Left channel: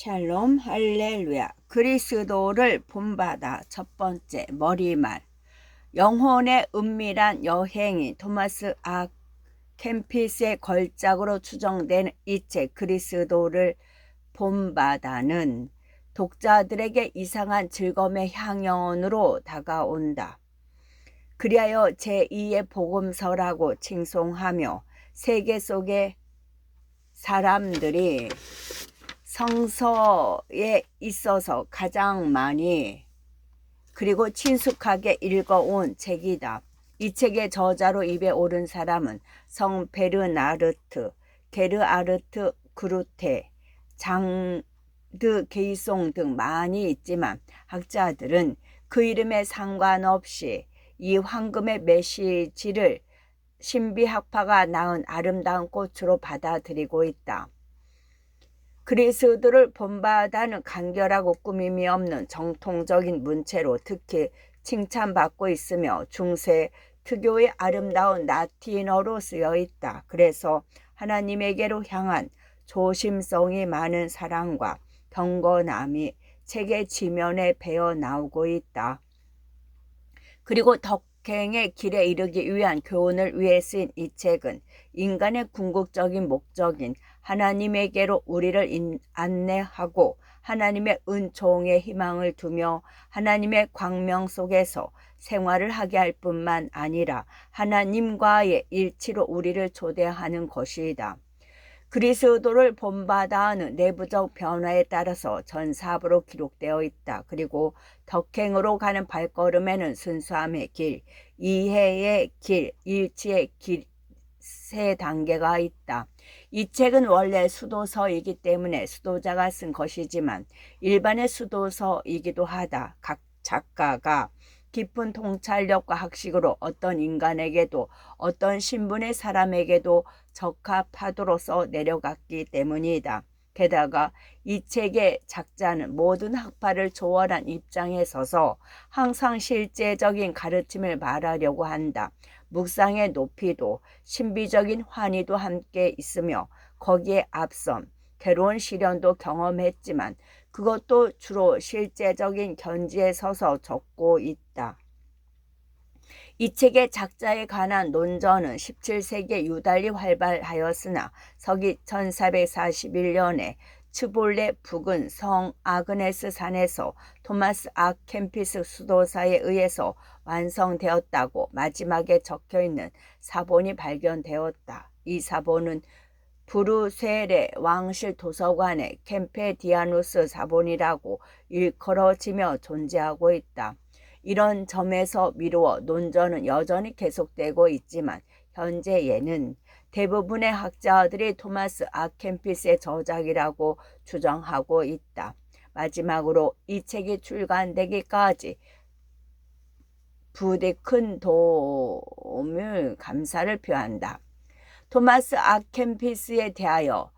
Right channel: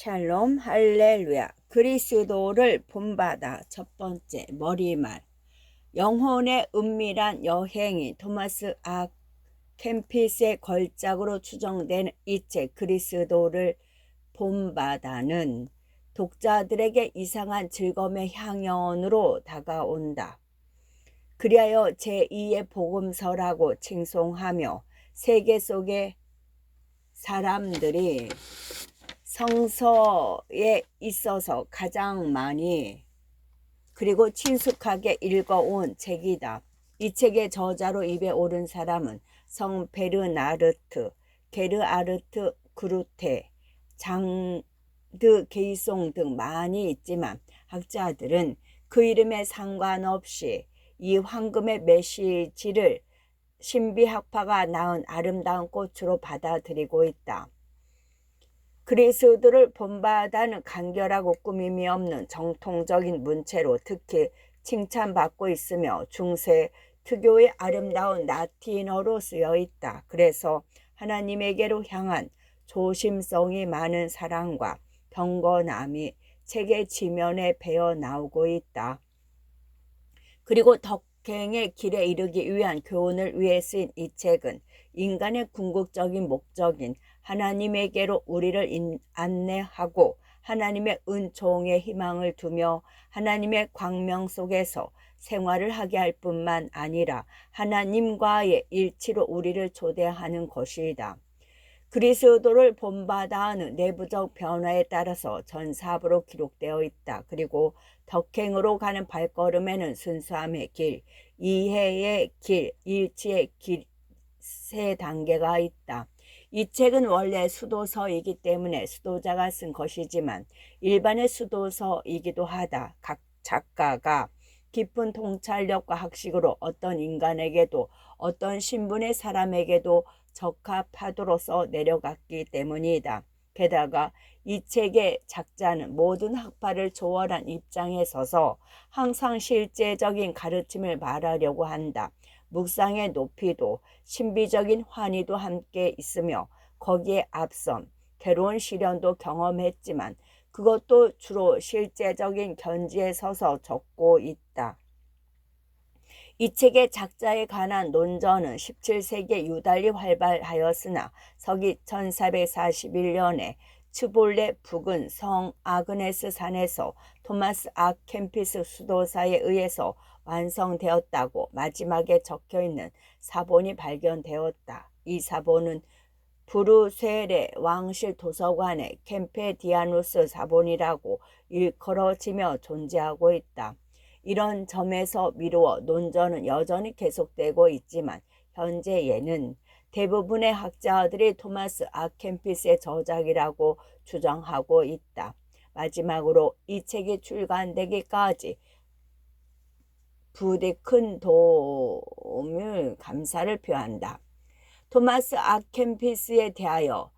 샬롬 할렐루야. 그리스도를 본받아. 첫 번째 머리말. 영혼의 은밀한 여행이 토마스 아 캠피스의 걸작으로 추정된 이 책 그리스도를 본받아는 독자들에게 이상한 즐거움의 향연으로 다가온다. 그리하여 제2의 복음서라고 칭송하며 세계 속의 사람들이 성서에 있어서 가장 많이 그리고 친숙하게 읽어온 책이다. 이 책의 저자로 입에 오른 사람은 성 베르나르트, 게르아르트 그루테, 장드 게이송 등 많이 있지만 학자들은 그 이름에 상관없이 이 황금의 메시지를 신비학파가 낳은 아름다운 꽃으로 받아들이고 있다. 그리스도를 본받아는 간결하고 꾸밈이 없는 정통적인 문체로 특히 칭찬받고 있으며 중세 특유의 아름다운 라틴어로 쓰여 있다. 그래서 하나님에게로 향한 조심성이 많은 사랑과 경건함이 책의 지면에 배어 나오고 있다. 그리고 덕행의 길에 이르기 위한 교훈을 위해 쓰인 이 책은 인간의 궁극적인 목적인 하나님에게로 우리를 안내하고 하나님의 은총에 희망을 두며 하나님의 광명 속에서 생활을 하게 할 뿐만 아니라 하나님과의 일치로 우리를 초대하는 것이다. 그리스도를 본받아 하는 내부적 변화에 따라서 전사부로 기록되어 있다. 그리고 덕행으로 가는 발걸음에는 순수함의 길, 이해의 길, 일치의 길, 세 단계가 있다. 이 책은 원래 수도서이기 때문에 수도자가 쓴 것이지만 일반의 수도서이기도 하다. 각 작가가 깊은 통찰력과 학식으로 어떤 인간에게도 어떤 신분의 사람에게도 적합하도록 내려갔기 때문이다. 게다가 이 책의 작자는 모든 학파를 초월한 입장에 서서 항상 실제적인 가르침을 말하려고 한다. 묵상의 높이도 신비적인 환희도 함께 있으며 거기에 앞선 괴로운 시련도 경험했지만 그것도 주로 실제적인 견지에 서서 적고 있다. 이 책의 작자에 관한 논전은 17세기에 유달리 활발하였으나 서기 1441년에 츠볼레 북은 성 아그네스 산에서 토마스 아 캠피스 수도사에 의해서 완성되었다고 마지막에 적혀있는 사본이 발견되었다. 이 사본은 브루셀의 왕실 도서관의 캠페디아누스 사본이라고 일컬어지며 존재하고 있다. 이런 점에서 미루어 논전은 여전히 계속되고 있지만 현재에는 대부분의 학자들이 토마스 아 캠피스의 저작이라고 주장하고 있다. 마지막으로 이 책이 출간되기까지 부디 큰 도움을 감사를 표한다. 토마스 아 캠피스에 대하여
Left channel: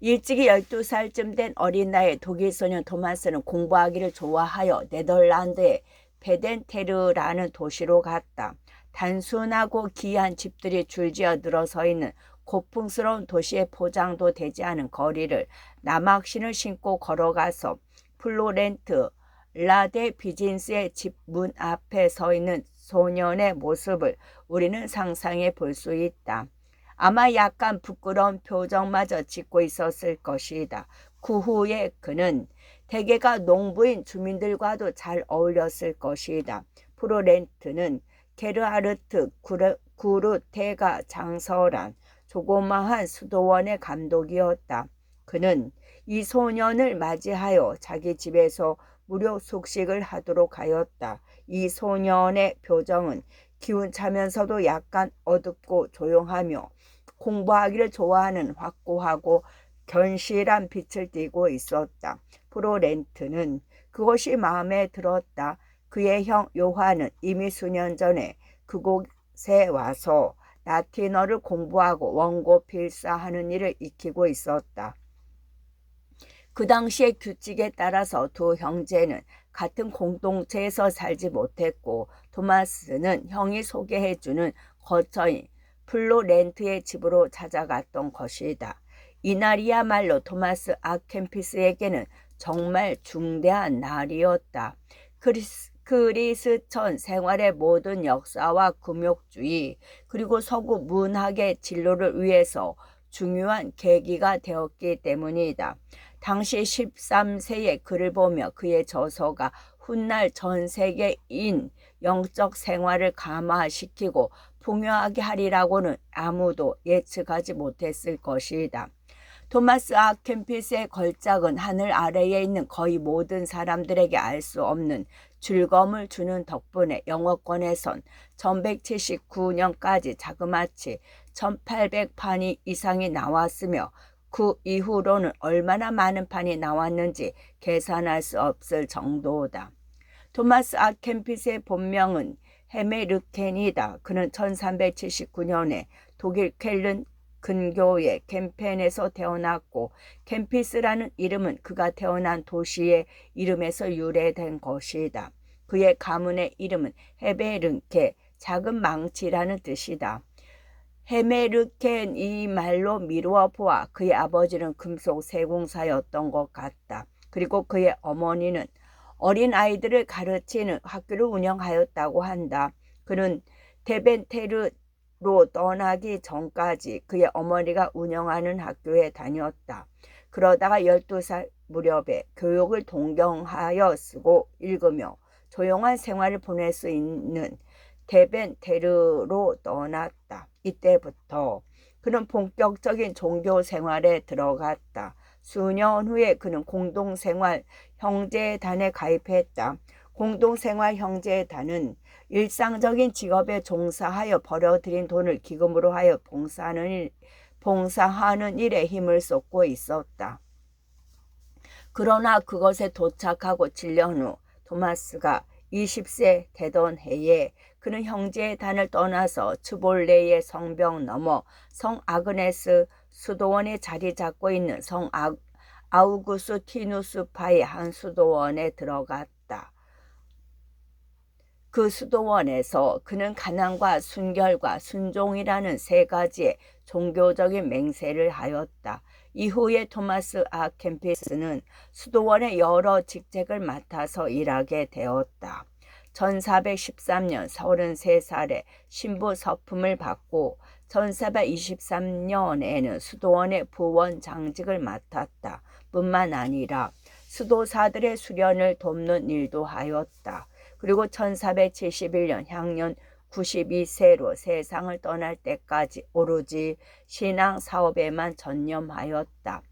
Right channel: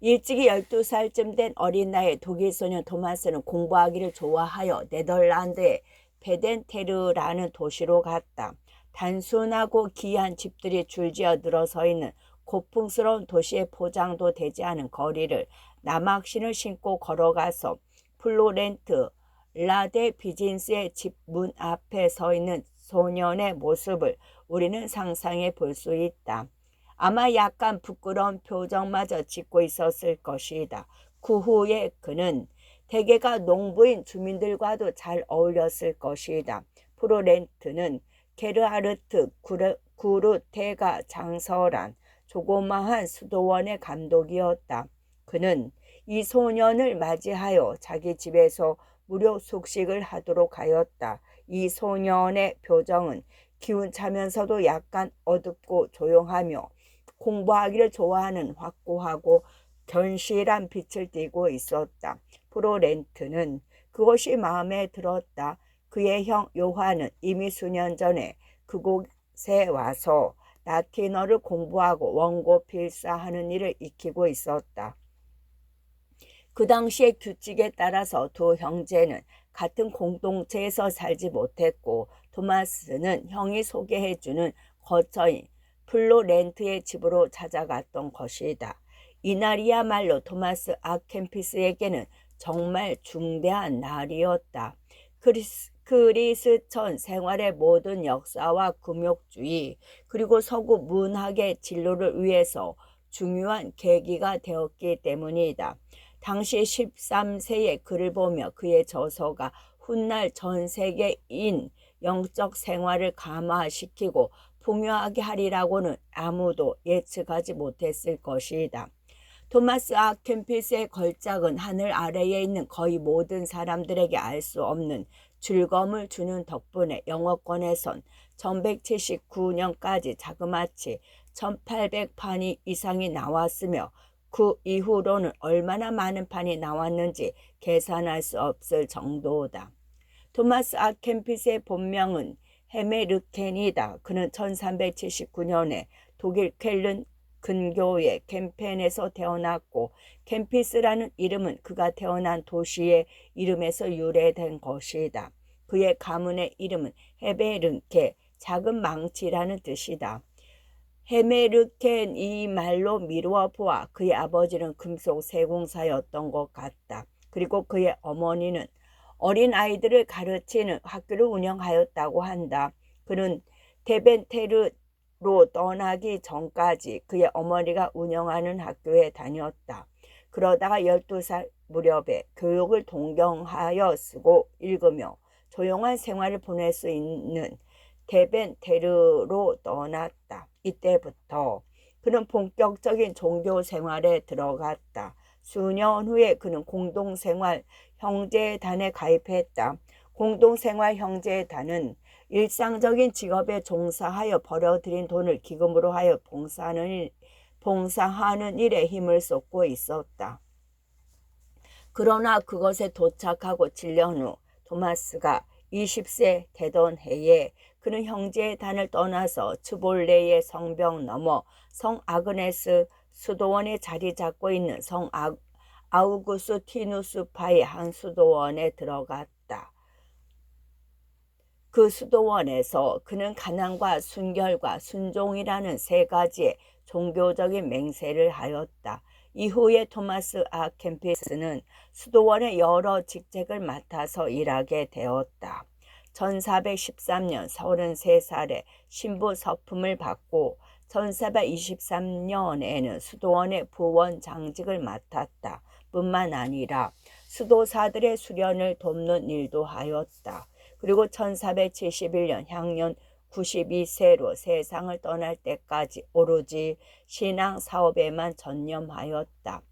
일찍이 12살쯤 된 어린 나이에 독일 소년 토마스는 공부하기를 좋아하여 네덜란드의 베덴테르라는 도시로 갔다. 단순하고 기이한 집들이 줄지어 늘어서 있는 고풍스러운 도시의 포장도 되지 않은 거리를 남학신을 신고 걸어가서 플로렌트 라데 비진스의 집 문 앞에 서 있는 소년의 모습을 우리는 상상해 볼 수 있다. 아마 약간 부끄러운 표정마저 짓고 있었을 것이다. 그 후에 그는 대개가 농부인 주민들과도 잘 어울렸을 것이다. 프로렌트는 게르하르트 구르테가 장설한 조그마한 수도원의 감독이었다. 그는 이 소년을 맞이하여 자기 집에서 무료 숙식을 하도록 하였다. 이 소년의 표정은 기운차면서도 약간 어둡고 조용하며 공부하기를 좋아하는 확고하고 견실한 빛을 띠고 있었다. 프로렌트는 그것이 마음에 들었다. 그의 형 요한은 이미 수년 전에 그곳에 와서 라틴어를 공부하고 원고 필사하는 일을 익히고 있었다. 그 당시의 규칙에 따라서 두 형제는 같은 공동체에서 살지 못했고 토마스는 형이 소개해주는 거처인 플로렌트의 집으로 찾아갔던 것이다. 이날이야말로 토마스 아 캠피스에게는 정말 중대한 날이었다. 그리스천 생활의 모든 역사와 금욕주의 그리고 서구 문학의 진로를 위해서 중요한 계기가 되었기 때문이다. 당시 13세의 글을 보며 그의 저서가 훗날 전 세계인 영적 생활을 감화시키고 풍요하게 하리라고는 아무도 예측하지 못했을 것이다. 토마스 아 캠피스의 걸작은 하늘 아래에 있는 거의 모든 사람들에게 알 수 없는 즐거움을 주는 덕분에 영어권에선 1179년까지 자그마치 1800판이 이상이 나왔으며 그 이후로는 얼마나 많은 판이 나왔는지 계산할 수 없을 정도다. 토마스 아 캠피스의 본명은 헤메르켄이다. 그는 1379년에 독일 쾰른 근교의 캠펜에서 태어났고 캠피스라는 이름은 그가 태어난 도시의 이름에서 유래된 것이다. 그의 가문의 이름은 헤베르케, 작은 망치라는 뜻이다. 헤메르켄 이 말로 미루어 보아 그의 아버지는 금속 세공사였던 것 같다. 그리고 그의 어머니는 어린 아이들을 가르치는 학교를 운영하였다고 한다. 그는 데벤테르로 떠나기 전까지 그의 어머니가 운영하는 학교에 다녔다. 그러다가 12살 무렵에 교육을 동경하여 쓰고 읽으며 조용한 생활을 보낼 수 있는 데벤테르로 떠났다. 이때부터 그는 본격적인 종교 생활에 들어갔다. 수년 후에 그는 공동생활 형제단에 가입했다. 공동생활 형제단은 일상적인 직업에 종사하여 벌어들인 돈을 기금으로 하여 봉사하는 일에 힘을 쏟고 있었다. 그러나 그것에 도착하고 7년 후 토마스가 20세 되던 해에 그는 형제단을 떠나서 츠볼레의 성벽 너머 성 아그네스 수도원에 자리 잡고 있는 성 아우구스티누스파의 한 수도원에 들어갔다. 그 수도원에서 그는 가난과 순결과 순종이라는 세 가지의 종교적인 맹세를 하였다. 이후에 토마스 아 캠피스는 수도원의 여러 직책을 맡아서 일하게 되었다. 1413년 33살에 신부 서품을 받고 1423년에는 수도원의 부원장직을 맡았다. 뿐만 아니라 수도사들의 수련을 돕는 일도 하였다. 그리고 1471년 향년 92세로 세상을 떠날 때까지 오로지 신앙 사업에만 전념하였다.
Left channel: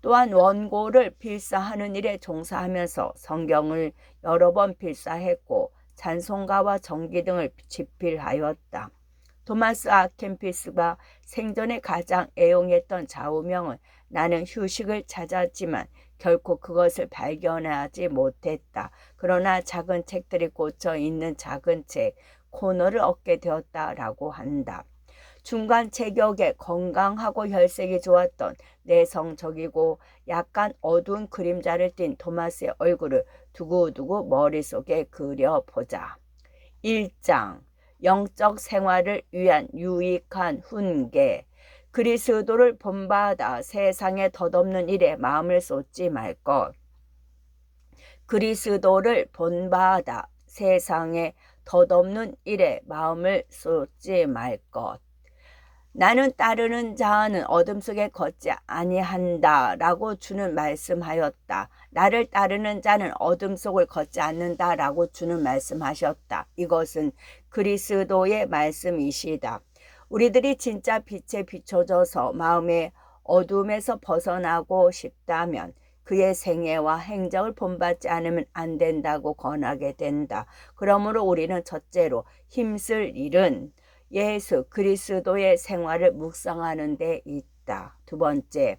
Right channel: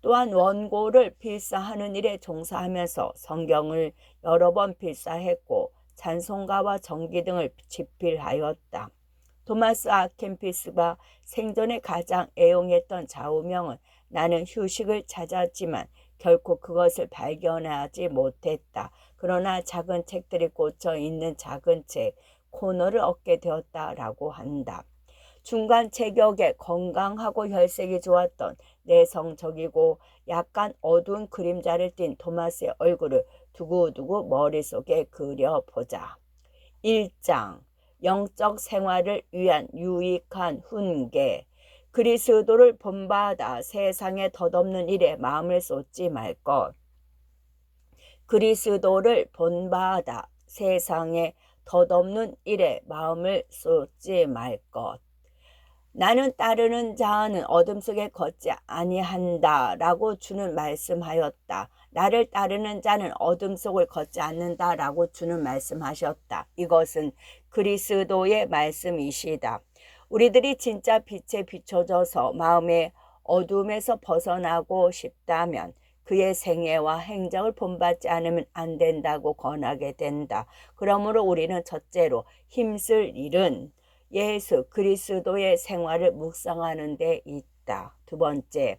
또한 원고를 필사하는 일에 종사하면서 성경을 여러 번 필사했고 찬송가와 정기 등을 집필하였다. 토마스 아 캠피스가 생전에 가장 애용했던 좌우명은 나는 휴식을 찾았지만 결코 그것을 발견하지 못했다. 그러나 작은 책들이 꽂혀 있는 작은 책 코너를 얻게 되었다라고 한다. 중간 체격에 건강하고 혈색이 좋았던 내성적이고 약간 어두운 그림자를 띤 토마스의 얼굴을 두고두고 머릿속에 그려보자. 1장 영적 생활을 위한 유익한 훈계. 그리스도를 본받아 세상에 덧없는 일에 마음을 쏟지 말 것. 그리스도를 본받아 세상에 덧없는 일에 마음을 쏟지 말 것. 나는 따르는 자는 어둠 속에 걷지 아니한다 라고 주는 말씀하였다. 나를 따르는 자는 어둠 속을 걷지 않는다 라고 주는 말씀하셨다. 이것은 그리스도의 말씀이시다. 우리들이 진짜 빛에 비춰져서 마음의 어둠에서 벗어나고 싶다면 그의 생애와 행적을 본받지 않으면 안 된다고 권하게 된다. 그러므로 우리는 첫째로 힘쓸 일은 예수 그리스도의 생활을 묵상하는 데 있다. 두 번째,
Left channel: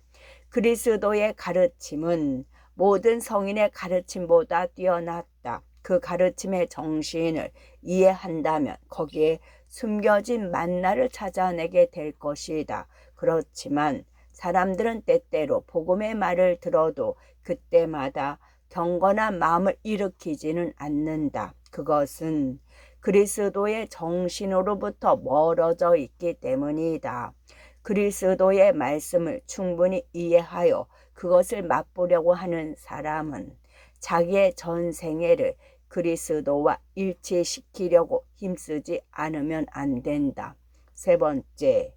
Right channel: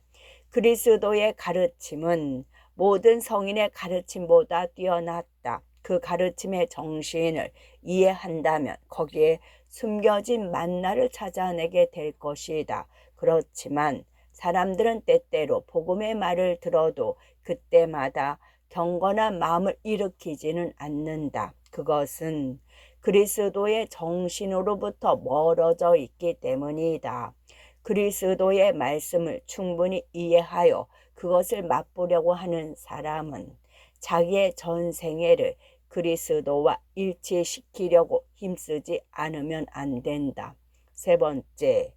그리스도의 가르침은 모든 성인의 가르침보다 뛰어났다. 그 가르침의 정신을 이해한다면 거기에 숨겨진 만나를 찾아내게 될 것이다. 그렇지만 사람들은 때때로 복음의 말을 들어도 그때마다 경건한 마음을 일으키지는 않는다. 그것은 그리스도의 정신으로부터 멀어져 있기 때문이다. 그리스도의 말씀을 충분히 이해하여 그 그것을 맛보려고 하는 사람은 자기의 전생애를 그리스도와 일치시키려고 힘쓰지 않으면 안 된다. 세 번째,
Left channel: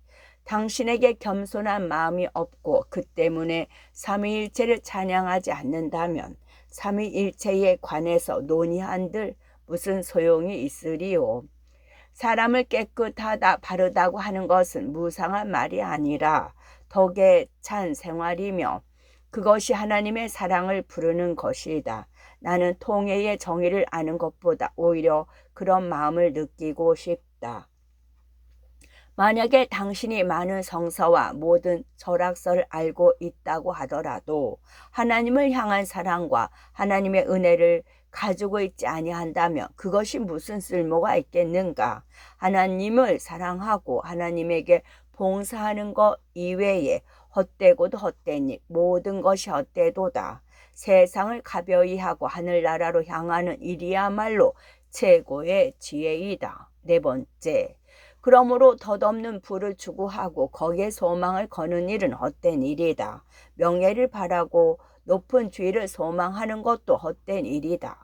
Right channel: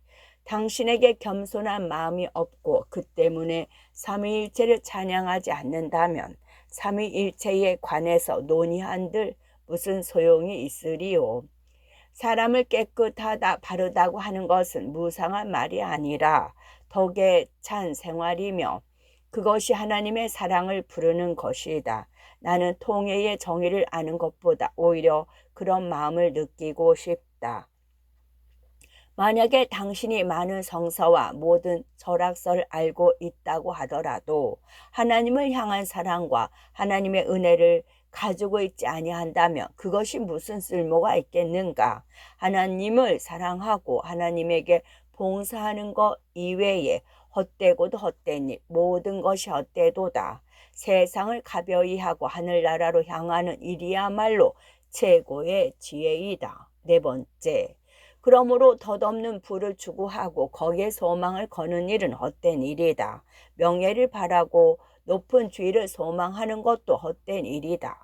당신에게 겸손한 마음이 없고 그 때문에 삼위일체를 찬양하지 않는다면 삼위일체에 관해서 논의한들 무슨 소용이 있으리요. 사람을 깨끗하다 바르다고 하는 것은 무상한 말이 아니라 덕에 찬 생활이며 그것이 하나님의 사랑을 부르는 것이다. 나는 통회의 정의를 아는 것보다 오히려 그런 마음을 느끼고 싶다. 만약에 당신이 많은 성서와 모든 철학서를 알고 있다고 하더라도 하나님을 향한 사랑과 하나님의 은혜를 가지고 있지 아니한다면 그것이 무슨 쓸모가 있겠는가? 하나님을 사랑하고 하나님에게 봉사하는 것 이외에 헛되고도 헛된 일, 모든 것이 헛되도다. 세상을 가벼이 하고 하늘나라로 향하는 일이야말로 최고의 지혜이다. 네 번째, 그러므로 덧없는 부를 추구하고 거기에 소망을 거는 일은 헛된 일이다. 명예를 바라고 높은 주의를 소망하는 것도 헛된 일이다.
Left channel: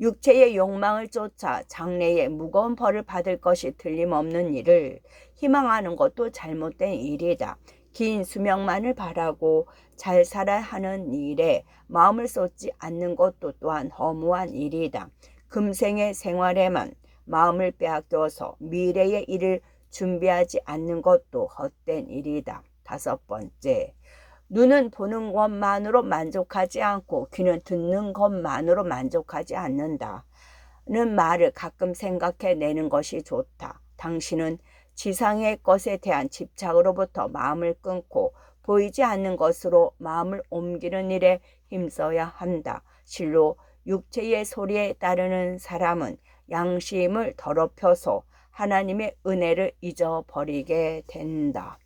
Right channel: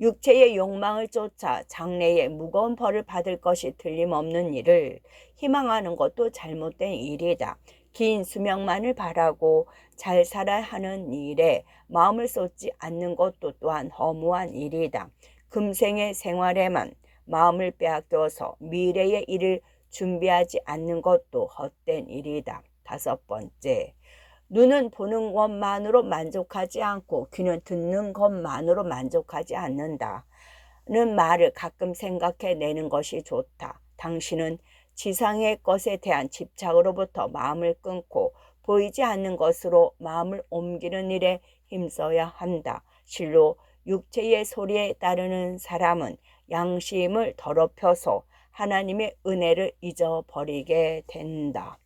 육체의 욕망을 쫓아 장래에 무거운 벌을 받을 것이 틀림없는 일을 희망하는 것도 잘못된 일이다. 긴 수명만을 바라고 잘 살아야 하는 일에 마음을 쏟지 않는 것도 또한 허무한 일이다. 금생의 생활에만 마음을 빼앗겨서 미래의 일을 준비하지 않는 것도 헛된 일이다. 다섯 번째, 눈은 보는 것만으로 만족하지 않고 귀는 듣는 것만으로 만족하지 않는다. 는 말을 가끔 생각해 내는 것이 좋다. 당신은 지상의 것에 대한 집착으로부터 마음을 끊고 보이지 않는 것으로 마음을 옮기는 일에 힘써야 한다. 실로 육체의 소리에 따르는 사람은 양심을 더럽혀서 하나님의 은혜를 잊어버리게 된다.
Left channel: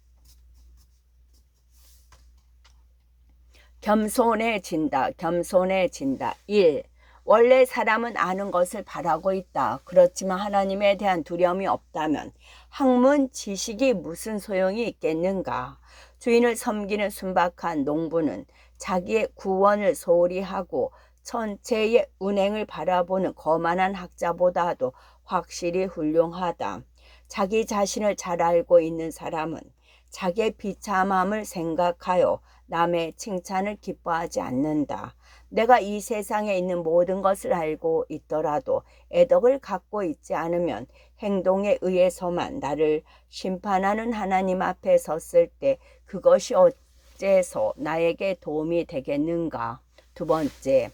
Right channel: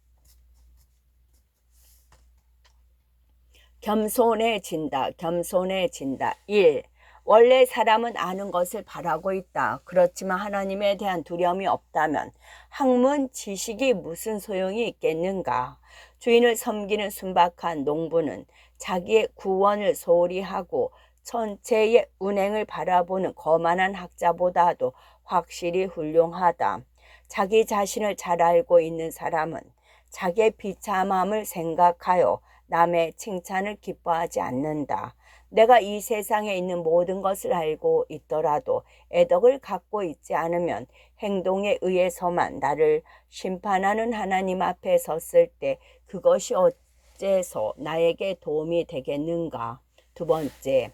겸손해진다. 겸손해진다. 1. 원래 사람은 아는 것을 바라고 있다. 그렇지만 하나님에 대한 두려움이 없다면 학문 지식이 무슨 소용이 있겠는가? 주인을 섬기는 순박한 농부는 자기의 구원을 소홀히 하고 천체의 운행을 바라보는 거만한 학자보다도 확실히 훌륭하다. 자기 자신을 잘 알고 있는 사람은 자기의 비참함을 생각하여 남의 칭찬을 기뻐하지 않는다. 내가 이 세상에 있는 모든 것을 알고 있더라도 애덕을 갖고 있지 않으면 행동에 의해서만 나를 심판하는 하나님 앞에 섰을 때 그것이 어째서 나에게 도움이 되겠는가? 두 번째,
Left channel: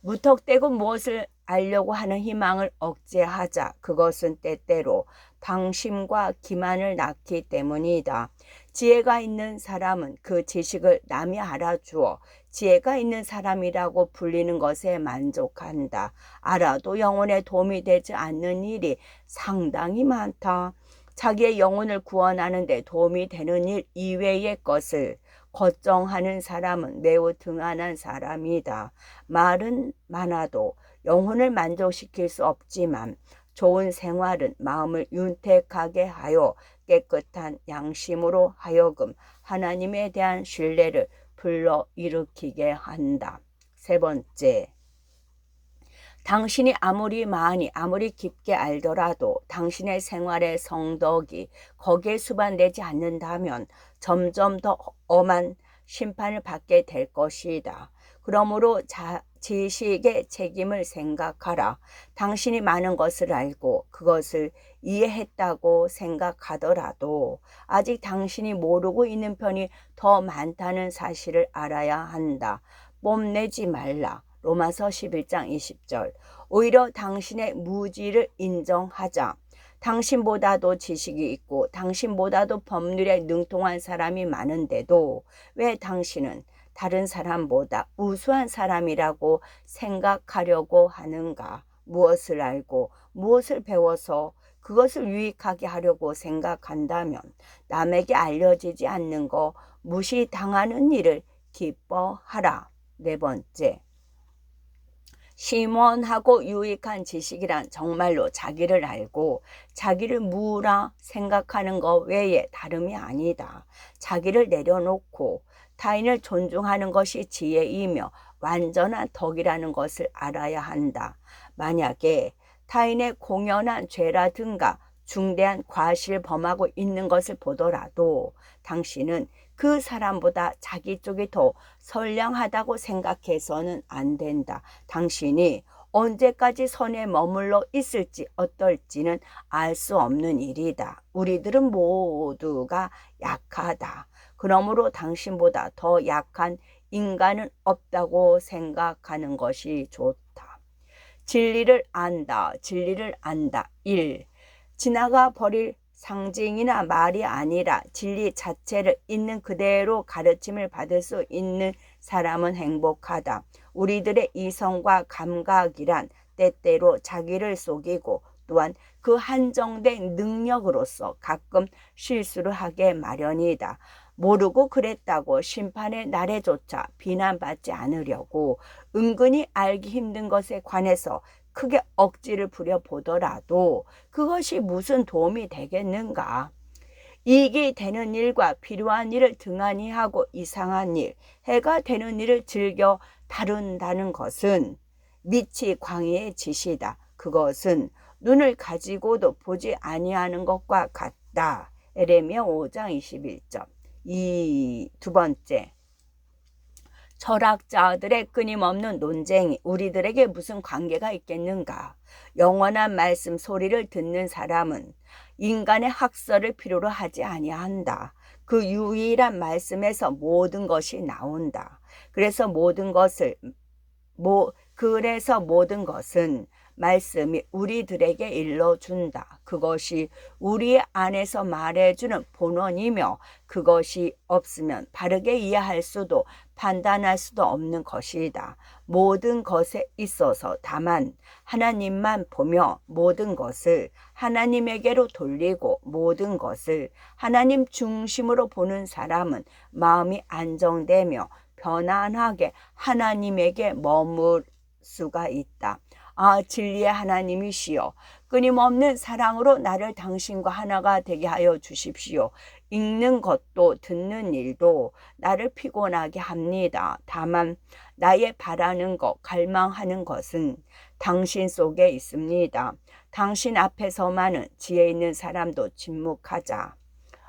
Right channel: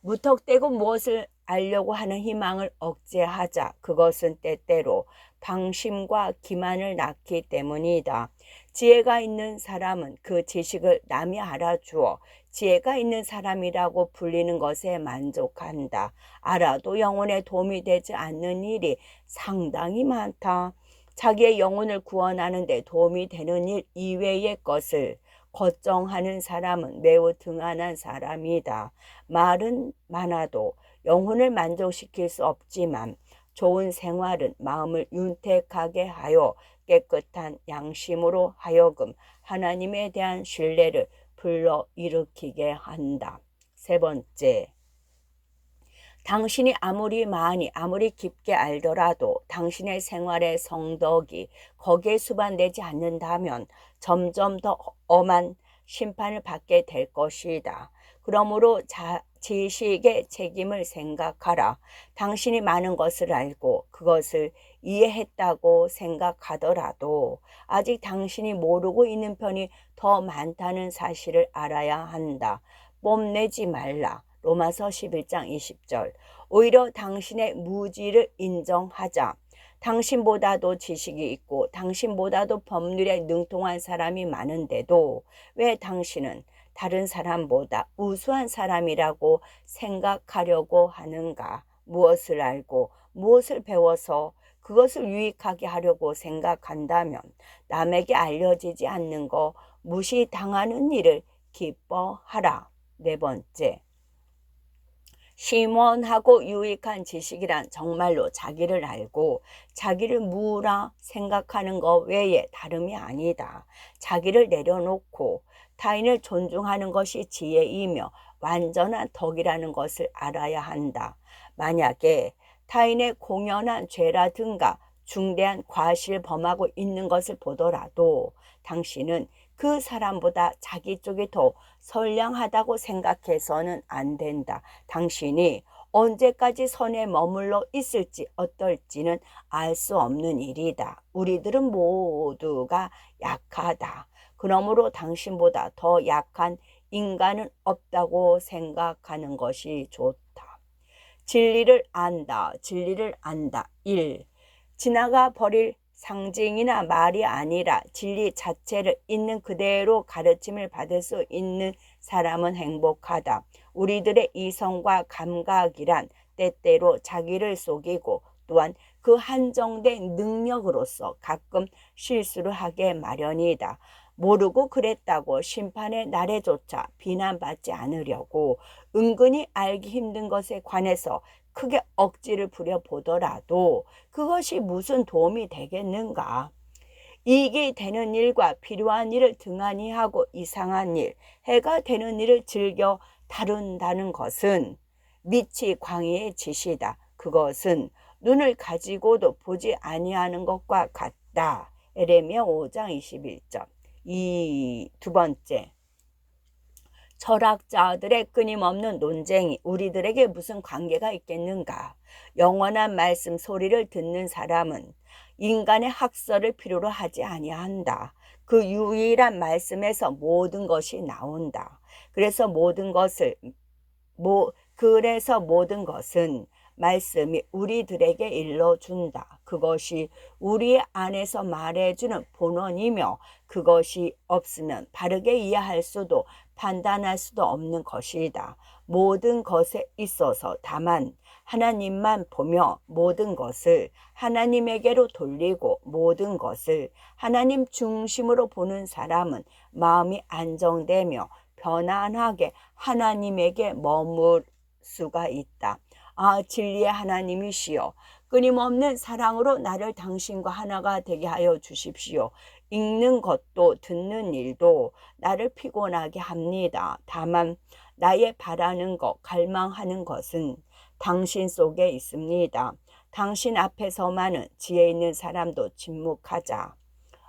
무턱대고 무엇을 알려고 하는 희망을 억제하자. 그것은 때때로 방심과 기만을 낳기 때문이다. 지혜가 있는 사람은 그 지식을 남이 알아주어 지혜가 있는 사람이라고 불리는 것에 만족한다. 알아도 영혼에 도움이 되지 않는 일이 상당히 많다. 자기의 영혼을 구원하는 데 도움이 되는 일 이외의 것을 걱정하는 사람은 매우 등한한 사람이다. 말은 많아도 영혼을 만족시킬 수 없지만 좋은 생활은 마음을 윤택하게 하여 깨끗한 양심으로 하여금 하나님에 대한 신뢰를 불러일으키게 한다. 세 번째, 당신이 아무리 깊게 알더라도 당신의 생활의 성덕이 거기에 수반되지 않는다면 점점 더 엄한 심판을 받게 될 것이다. 그러므로 지식의 책임을 생각하라. 당신이 많은 것을 알고 그것을 이해했다고 생각하더라도 아직 당신이 모르고 있는 편이 더 많다는 사실을 알아야 한다. 뽐내지 말라. 로마서 11장 20절. 오히려 당신의 무지를 인정하자. 당신보다도 지식이 있고 당신보다도 법률에 능통한 사람이 많은데도 왜 당신은 다른 사람보다 우수한 사람이라고 생각하려고 하는가? 무엇을 알고 무엇을 배워서 그것을 유익하게 하려고 생각한다면 남에게 알려지지 않는 거 무시당하는 일을 기뻐하라. 네 번째, 심원하고 유익한 지식이란 정말로 자기를 알고 자기를 무라 생각하는 것 외에 다름이 아니다. 자기를 내려놓고 타인을 존중하는 것이 지혜이며 완전한 덕이라는 것을 알아야 한다. 만약에 타인의 공연한 죄라든가 중대한 과실을 범하고 있는 것을 보더라도 당신은 그 사람보다 자기 쪽이 더 선량하다고 생각해서는 안 된다. 당신이 언제까지 선에 머물러 있을지 어떨지는 알 수 없는 일이다. 우리들은 모두가 약하다. 그러므로 당신보다 더 약한 인간은 없다고 생각하는 것이 좋다. 진리를 안다. 진리를 안다. 1. 지나가 버릴 상징이나 말이 아니라 진리 자체를 있는 그대로 가르침을 받을 수 있는 사람은 행복하다. 우리들의 이성과 감각이란 때때로 자기를 속이고 또한 그 한정된 능력으로서 가끔 실수를 하게 마련이다. 모르고 그랬다고 심판의 날에조차 비난받지 않으려고 은근히 알기 힘든 것에 관해서 크게 억지를 부려보더라도 그것이 무슨 도움이 되겠는가? 이익이 되는 일과 필요한 일을 등한히 하고 이상한 일, 해가 되는 일을 즐겨 다룬다는 것은 미치 광의의 짓이다. 그것은 눈을 가지고도 보지 아니하는 것과 같다. 에레미야 5장 21절. 두 번째. 철학자들의 끊임없는 논쟁이 우리들에게 무슨 관계가 있겠는가? 영원한 말씀 소리를 듣는 사람은 인간의 학설을 필요로 하지 아니한다. 그 유일한 말씀에서 모든 것이 나온다. 그래서 모든 것은 말씀이 우리들에게 일러준다. 그것이 우리 안에서 말해주는 본원이며 그것이 없으면 바르게 이해할 수도 판단할 수도 없는 것이다. 모든 것에 있어서 다만 하나님만 보며 모든 것을 하나님에게로 돌리고 모든 것을 하나님 중심으로 보는 사람은 마음이 안정되며 편안하게 하나님에게 머물 수가 있다. 진리의 하나님이시여, 끊임없는 사랑으로 나를 당신과 하나가 되게 하여 주십시오. 읽는 것도 듣는 일도 나를 피곤하게 합니다. 다만 나의 바라는 것, 갈망하는 것은 당신 속에 있습니다. 당신 앞에서만은 지혜 있는 사람도 침묵하자.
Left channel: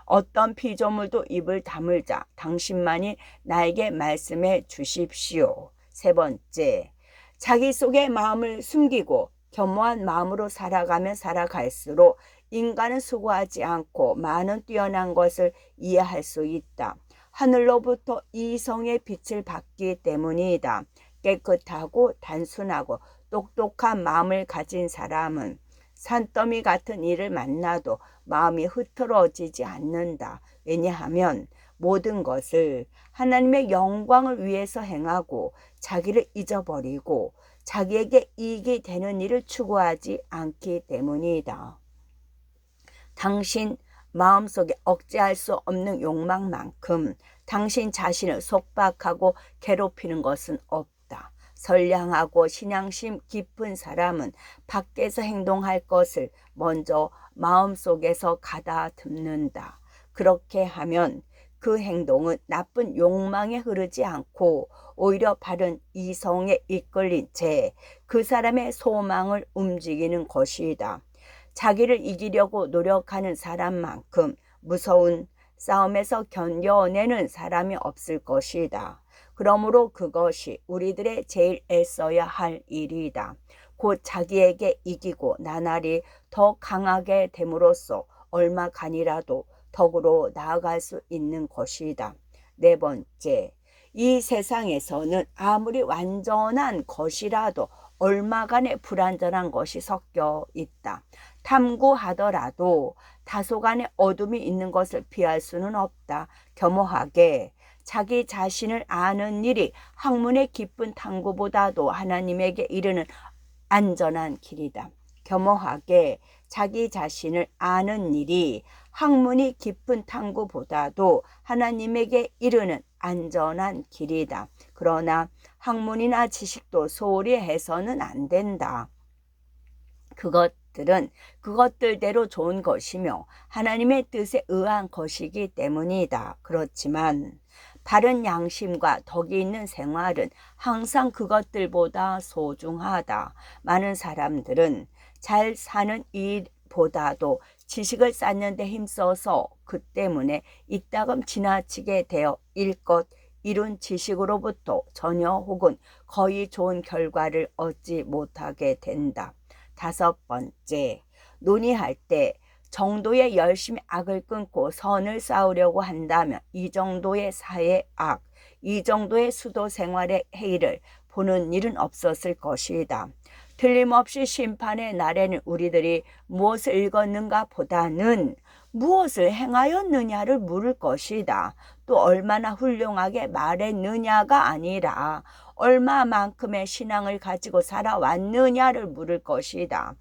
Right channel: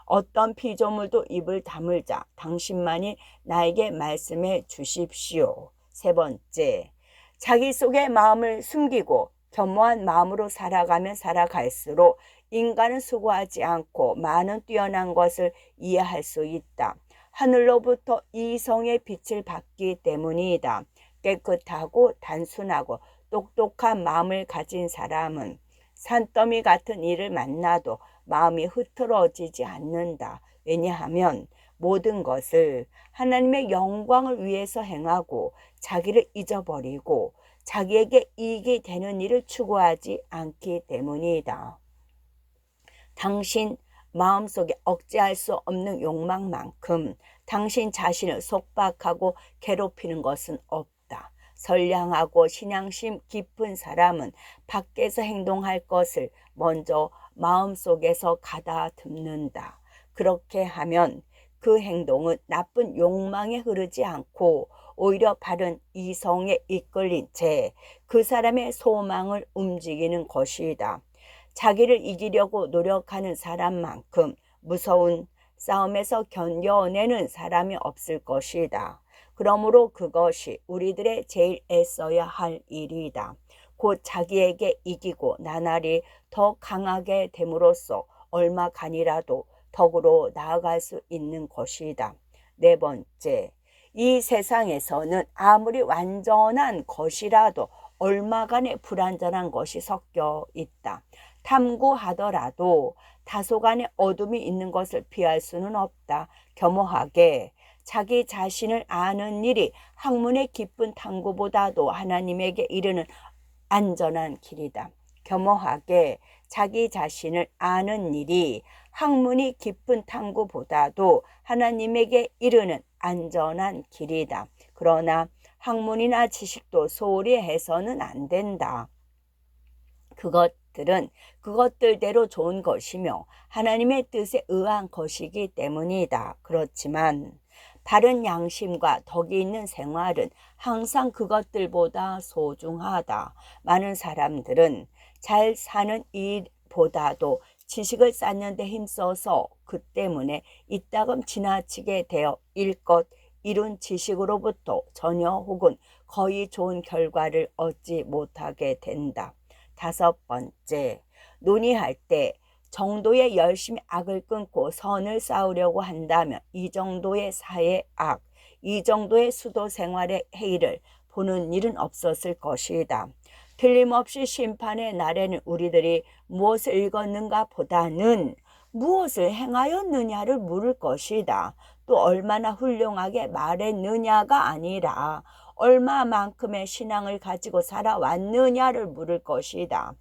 어떤 피조물도 입을 다물자. 당신만이 나에게 말씀해 주십시오. 세 번째, 자기 속의 마음을 숨기고 겸허한 마음으로 살아가면 살아갈수록 인간은 수고하지 않고 많은 뛰어난 것을 이해할 수 있다. 하늘로부터 이성의 빛을 받기 때문이다. 깨끗하고 단순하고 똑똑한 마음을 가진 사람은 산더미 같은 일을 만나도 마음이 흐트러지지 않는다. 왜냐하면 모든 것을 하나님의 영광을 위해서 행하고 자기를 잊어버리고 자기에게 이익이 되는 일을 추구하지 않기 때문이다. 당신 마음속에 억제할 수 없는 욕망만큼 당신 자신을 속박하고 괴롭히는 것은 없다. 선량하고 신앙심 깊은 사람은 밖에서 행동할 것을 먼저 마음속에서 가다듬는다. 그렇게 하면 그 행동은 나쁜 욕망에 흐르지 않고 오히려 바른 이성에 이끌린 채 그 사람의 소망을 움직이는 것이다. 자기를 이기려고 노력하는 사람만큼 무서운 싸움에서 견뎌내는 사람이 없을 것이다. 그러므로 그것이 우리들의 제일 애써야 할 일이다. 곧 자기에게 이기고 나날이 더 강하게 됨으로써 얼마간이라도 덕으로 나아갈 수 있는 것이다. 네 번째, 이 세상에서는 아무리 완전한 것이라도 얼마간의 불완전한 것이 섞여 있다. 탐구하더라도 다소간의 어둠이 있는 것을 피할 수는 없다. 겸허하게 자기 자신을 아는 일이 학문의 깊은 탐구보다도 하나님에게 이르는 안전한 길이다. 겸허하게 자기 자신을 아는 일이 학문이 깊은 탐구보다도 하나님에게 이르는 안전한 길이다. 그러나 학문이나 지식도 소홀히 해서는 안 된다. 그것들은 그것들대로 좋은 것이며 하나님의 뜻에 의한 것이기 때문이다. 그렇지만 바른 양심과 덕이 있는 생활은 항상 그것들보다 소중하다. 많은 사람들은 잘 사는 일보다도 지식을 쌓는 데 힘써서 그 때문에 이따금 지나치게 되어 일껏 이룬 지식으로부터 전혀 혹은 거의 좋은 결과를 얻지 못하게 된다. 5번째, 논의할 때 정도의 열심히 악을 끊고 선을 쌓으려고 한다면 이 정도의 사회 악, 이 정도의 수도 생활의 해이를 보는 일은 없었을 것이다. 틀림없이 심판의 날에는 우리들이 무엇을 읽었는가 보다는 무엇을 행하였느냐를 물을 것이다. 또 얼마나 훌륭하게 말했느냐가 아니라 얼마만큼의 신앙을 가지고 살아왔느냐를 물을 것이다.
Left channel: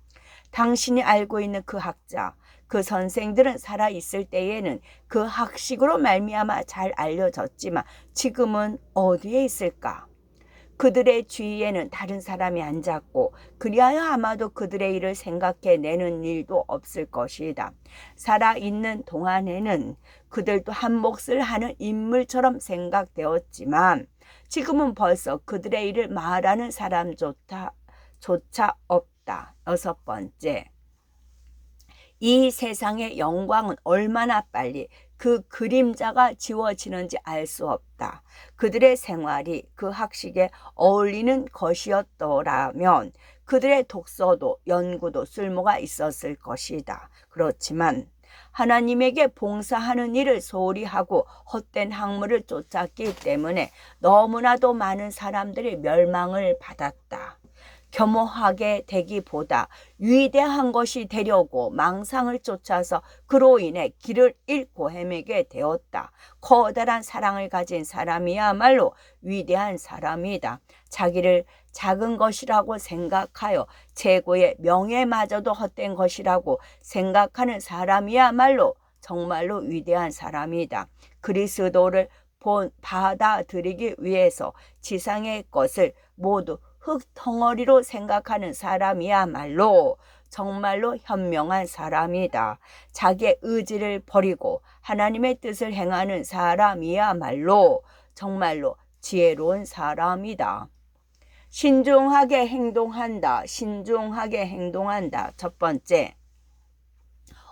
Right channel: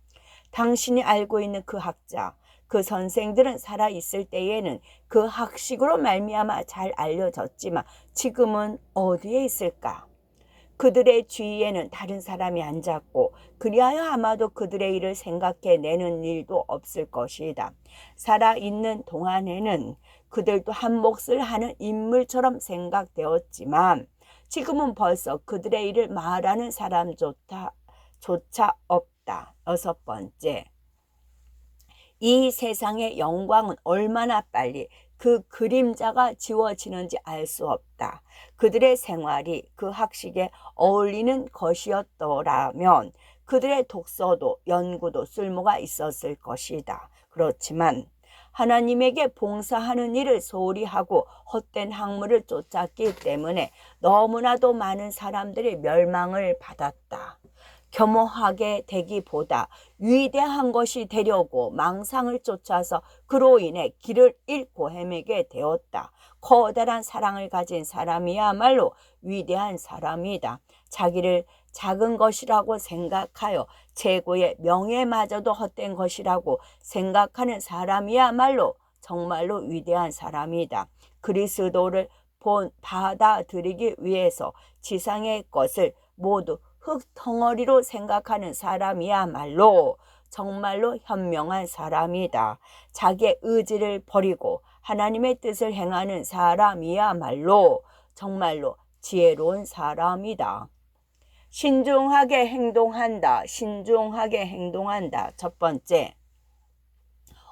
당신이 알고 있는 그 학자, 그 선생들은 살아있을 때에는 그 학식으로 말미암아 잘 알려졌지만 지금은 어디에 있을까? 그들의 주위에는 다른 사람이 앉았고 그리하여 아마도 그들의 일을 생각해내는 일도 없을 것이다. 살아있는 동안에는 그들도 한 몫을 하는 인물처럼 생각되었지만 지금은 벌써 그들의 일을 말하는 사람조차 없다. 6번째, 이 세상의 영광은 얼마나 빨리 그 그림자가 지워지는지 알 수 없다. 그들의 생활이 그 학식에 어울리는 것이었더라면 그들의 독서도 연구도 쓸모가 있었을 것이다. 그렇지만 하나님에게 봉사하는 일을 소홀히 하고 헛된 학문을 쫓았기 때문에 너무나도 많은 사람들이 멸망을 받았다. 겸허하게 되기보다 위대한 것이 되려고 망상을 쫓아서 그로 인해 길을 잃고 헤매게 되었다. 커다란 사랑을 가진 사람이야말로 위대한 사람이다. 자기를 작은 것이라고 생각하여 최고의 명예마저도 헛된 것이라고 생각하는 사람이야말로 정말로 위대한 사람이다. 그리스도를 받아들이기 위해서 지상의 것을 모두 흙덩어리로 생각하는 사람이야말로 정말로 현명한 사람이다. 자기의 의지를 버리고 하나님의 뜻을 행하는 사람이야말로 정말로 지혜로운 사람이다. 신중하게 행동한다. 신중하게 행동한다. 첫 번째,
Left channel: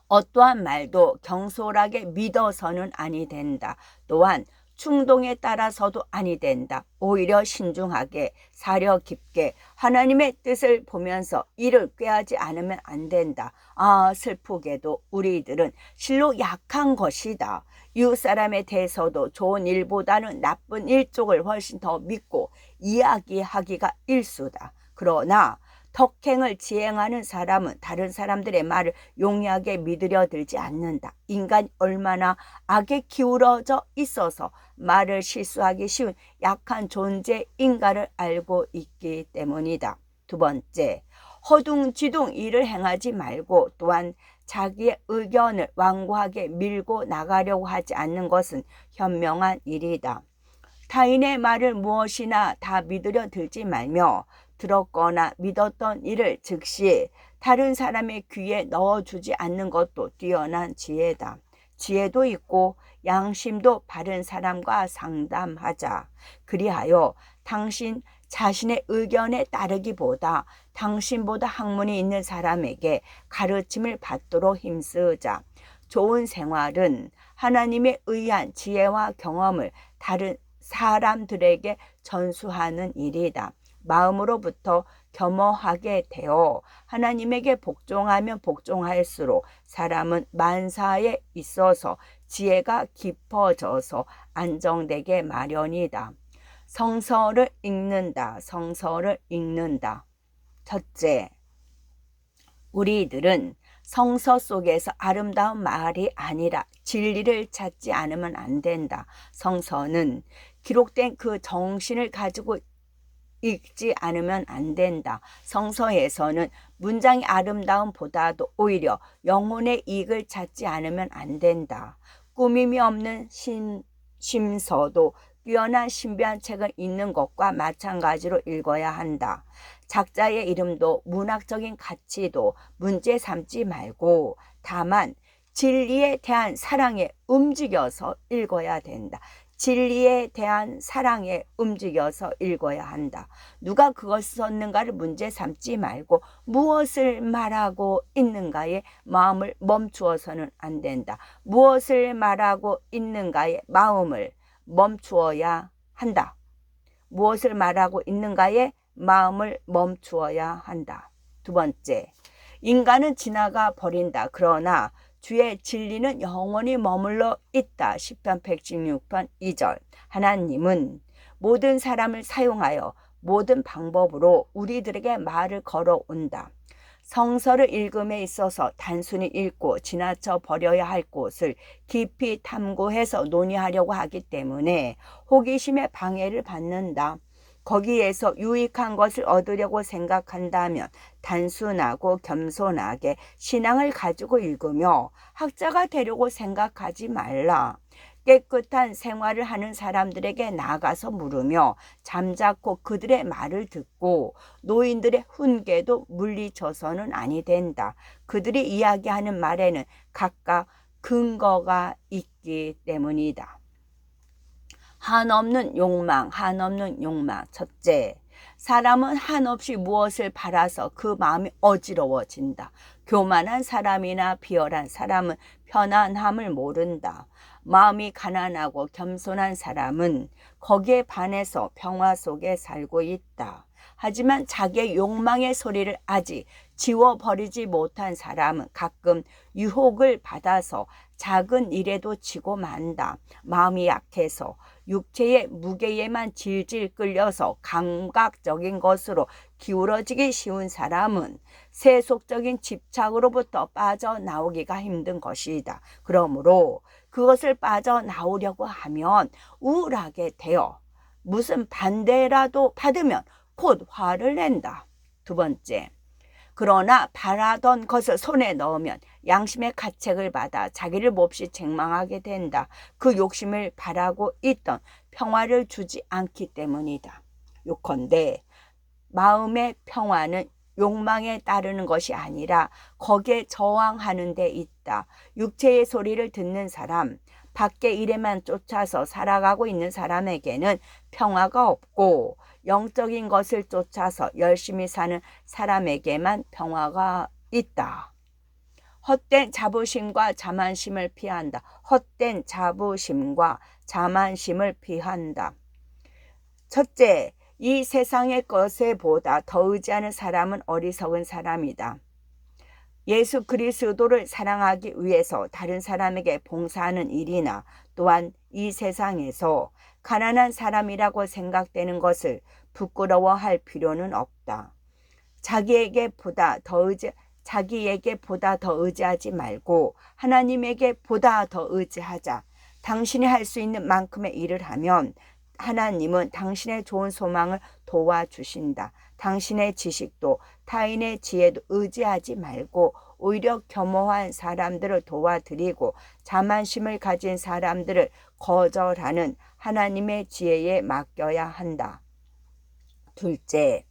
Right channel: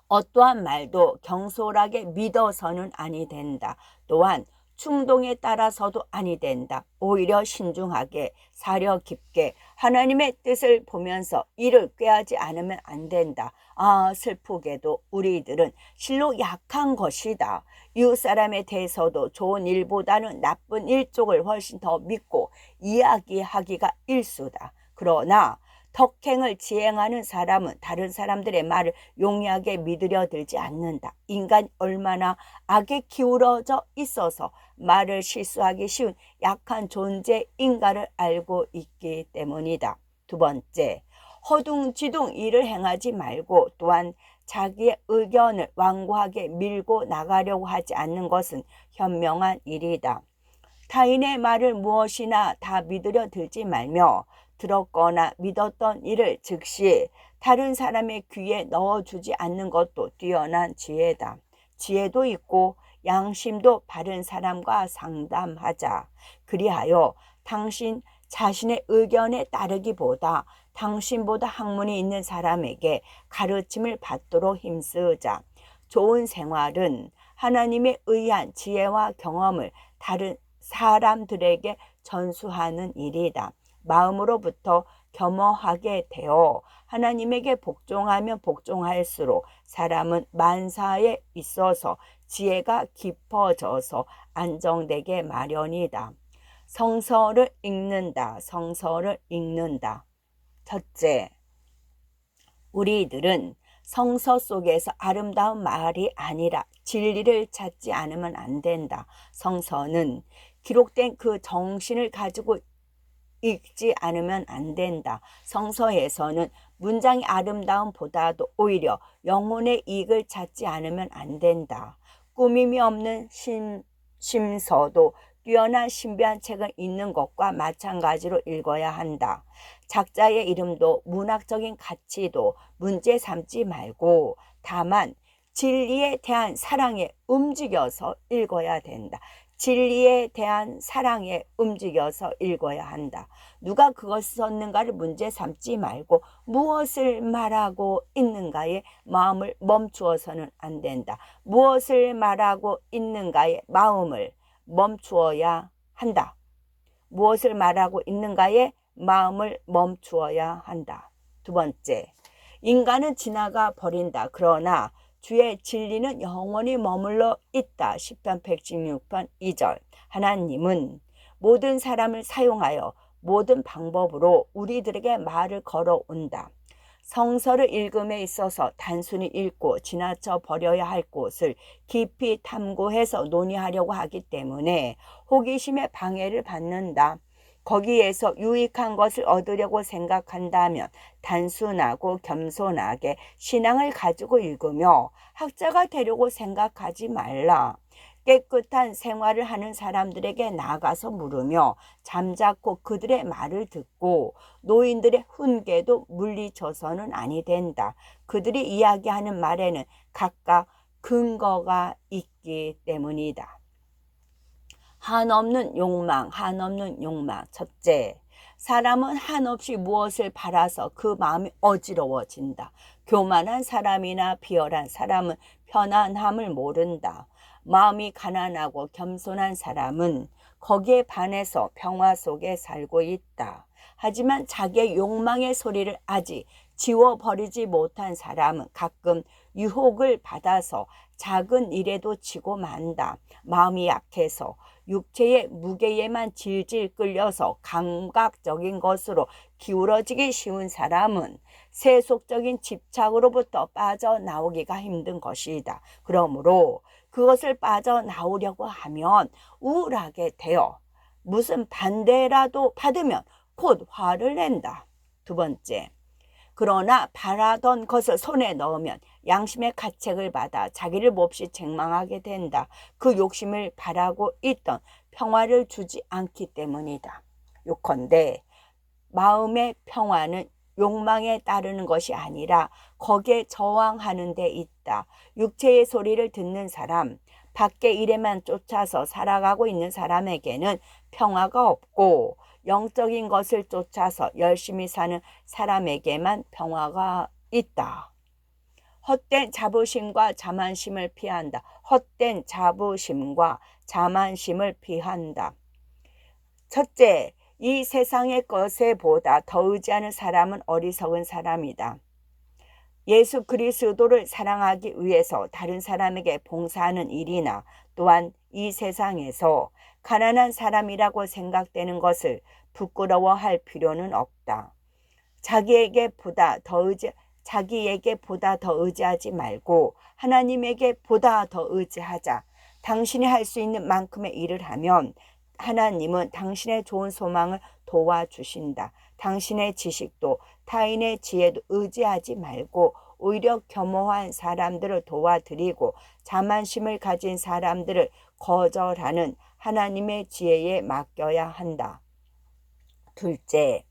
어떠한 말도 경솔하게 믿어서는 아니 된다. 또한 충동에 따라서도 아니 된다. 오히려 신중하게 사려 깊게 하나님의 뜻을 보면서 이를 꾀하지 않으면 안 된다. 아, 슬프게도 우리들은 실로 약한 것이다. 이웃 사람에 대해서도 좋은 일보다는 나쁜 일 쪽을 훨씬 더 믿고 이야기하기가 일수다. 그러나 덕행을 지행하는 사람은 다른 사람들의 말을 용이하게 믿으려 들지 않는다. 인간이 얼마나 악에 기울어져 있어서 말을 실수하기 쉬운 약한 존재인가를 알고 있기 때문이다. 2번째, 허둥지둥 일을 행하지 말고 또한 자기의 의견을 완고하게 밀고 나가려고 하지 않는 것은 현명한 일이다. 타인의 말을 무엇이나 다 믿으려 들지 말며 들었거나 믿었던 일을 즉시 다른 사람의 귀에 넣어주지 않는 것도 뛰어난 지혜다. 지혜도 있고 양심도 바른 사람과 상담하자. 그리하여 당신 자신의 의견에 따르기보다 당신보다 학문이 있는 사람에게 가르침을 받도록 힘쓰자. 좋은 생활은 하나님에 의한 지혜와 경험을 다른 사람들에게 전수하는 일이다. 마음으로부터 겸허하게 되어 하나님에게 복종하면 복종할수록 사람은 만사에 있어서 지혜가 깊어져서 안정되게 마련이다. 성서를 읽는다. 성서를 읽는다. 첫째, 우리들은 성서 속에서 아름다운 말이 아니라 진리를 찾지 않으면 안 된다. 성서는 기록된 그 정신을 가지고 읽지 않으면 안 된다. 성서에서는 문장이 아름다움보다도 오히려 영혼의 이익을 찾지 않으면 안 된다. 꾸밈이 없는 심서도 뛰어난 신비한 책을 읽는 것과 마찬가지로 읽어야 한다. 작자의 이름도 문학적인 가치도 문제 삼지 말고 다만 진리에 대한 사랑에 움직여서 읽어야 된다. 진리에 대한 사랑에 움직여서 읽어야 한다. 누가 그것을 썼는가를 문제 삼지 말고 무엇을 말하고 있는가에 마음을 멈추어서는 안 된다. 무엇을 말하고 있는가에 마음을 멈추어야 한다. 무엇을 말하고 있는가에 마음을 멈추어야 한다. 두 번째, 인간은 지나가 버린다. 그러나 주의 진리는 영원히 머물러 있다. 시편 116편 2절. 하나님은 모든 사람을 사용하여 모든 방법으로 우리들에게 말을 걸어온다. 성서를 읽음에 있어서 단순히 읽고 지나쳐 버려야 할 곳을 깊이 탐구해서 논의하려고 하기 때문에 호기심에 방해를 받는다. 거기에서 유익한 것을 얻으려고 생각한다면 단순하고 겸손하게 신앙을 가지고 읽으며 학자가 되려고 생각하지 말라. 깨끗한 생활을 하는 사람들에게 나가서 물으며 잠자코 그들의 말을 듣고 노인들의 훈계도 물리쳐서는 아니 된다. 그들이 이야기하는 말에는 각각 근거가 있기 때문이다. 한없는 욕망. 첫째, 사람은 한없이 무엇을 바라서 그 마음이 어지러워진다. 교만한 사람이나 비열한 사람은 편안함을 모른다. 마음이 가난하고 겸손한 사람은 거기에 반해서 평화 속에 살고 있다. 하지만 자기의 욕망의 소리를 아직 지워버리지 못한 사람은 가끔 유혹을 받아서 작은 일에도 지고 만다. 마음이 약해서 육체의 무게에만 질질 끌려서 감각적인 것으로 기울어지기 쉬운 사람은 세속적인 집착으로부터 빠져나오기가 힘든 것이다. 그러므로 그것을 빠져나오려고 하면 우울하게 되어 무슨 반대라도 받으면 곧 화를 낸다. 두 번째, 그러나 바라던 것을 손에 넣으면 양심의 가책을 받아 자기를 몹시 책망하게 된다. 그 욕심을 바라고 있던 평화를 주지 않기 때문이다. 요컨대 마음의 평화는 욕망에 따르는 것이 아니라 거기에 저항하는 데 있다. 육체의 소리를 듣는 사람, 밖의 일에만 쫓아서 살아가고 있는 사람에게는 평화가 없고 영적인 것을 쫓아서 열심히 사는 사람에게만 평화가 있다. 헛된 자부심과 자만심을 피한다. 헛된 자부심과 자만심을 피한다. 첫째, 이 세상의 것에 보다 더 의지하는 사람은 어리석은 사람이다. 예수 그리스도를 사랑하기 위해서 다른 사람에게 봉사하는 일이나 또한 이 세상에서 가난한 사람이라고 생각되는 것을 부끄러워할 필요는 없다. 자기에게 보다 더 의지하지 말고 하나님에게 보다 더 의지하자. 당신이 할 수 있는 만큼의 일을 하면 하나님은 당신의 좋은 소망을 도와주신다. 당신의 지식도 타인의 지혜도 의지하지 말고 오히려 겸허한 사람들을 도와드리고 자만심을 가진 사람들을 거절하는 하나님의 지혜에 맡겨야 한다. 둘째,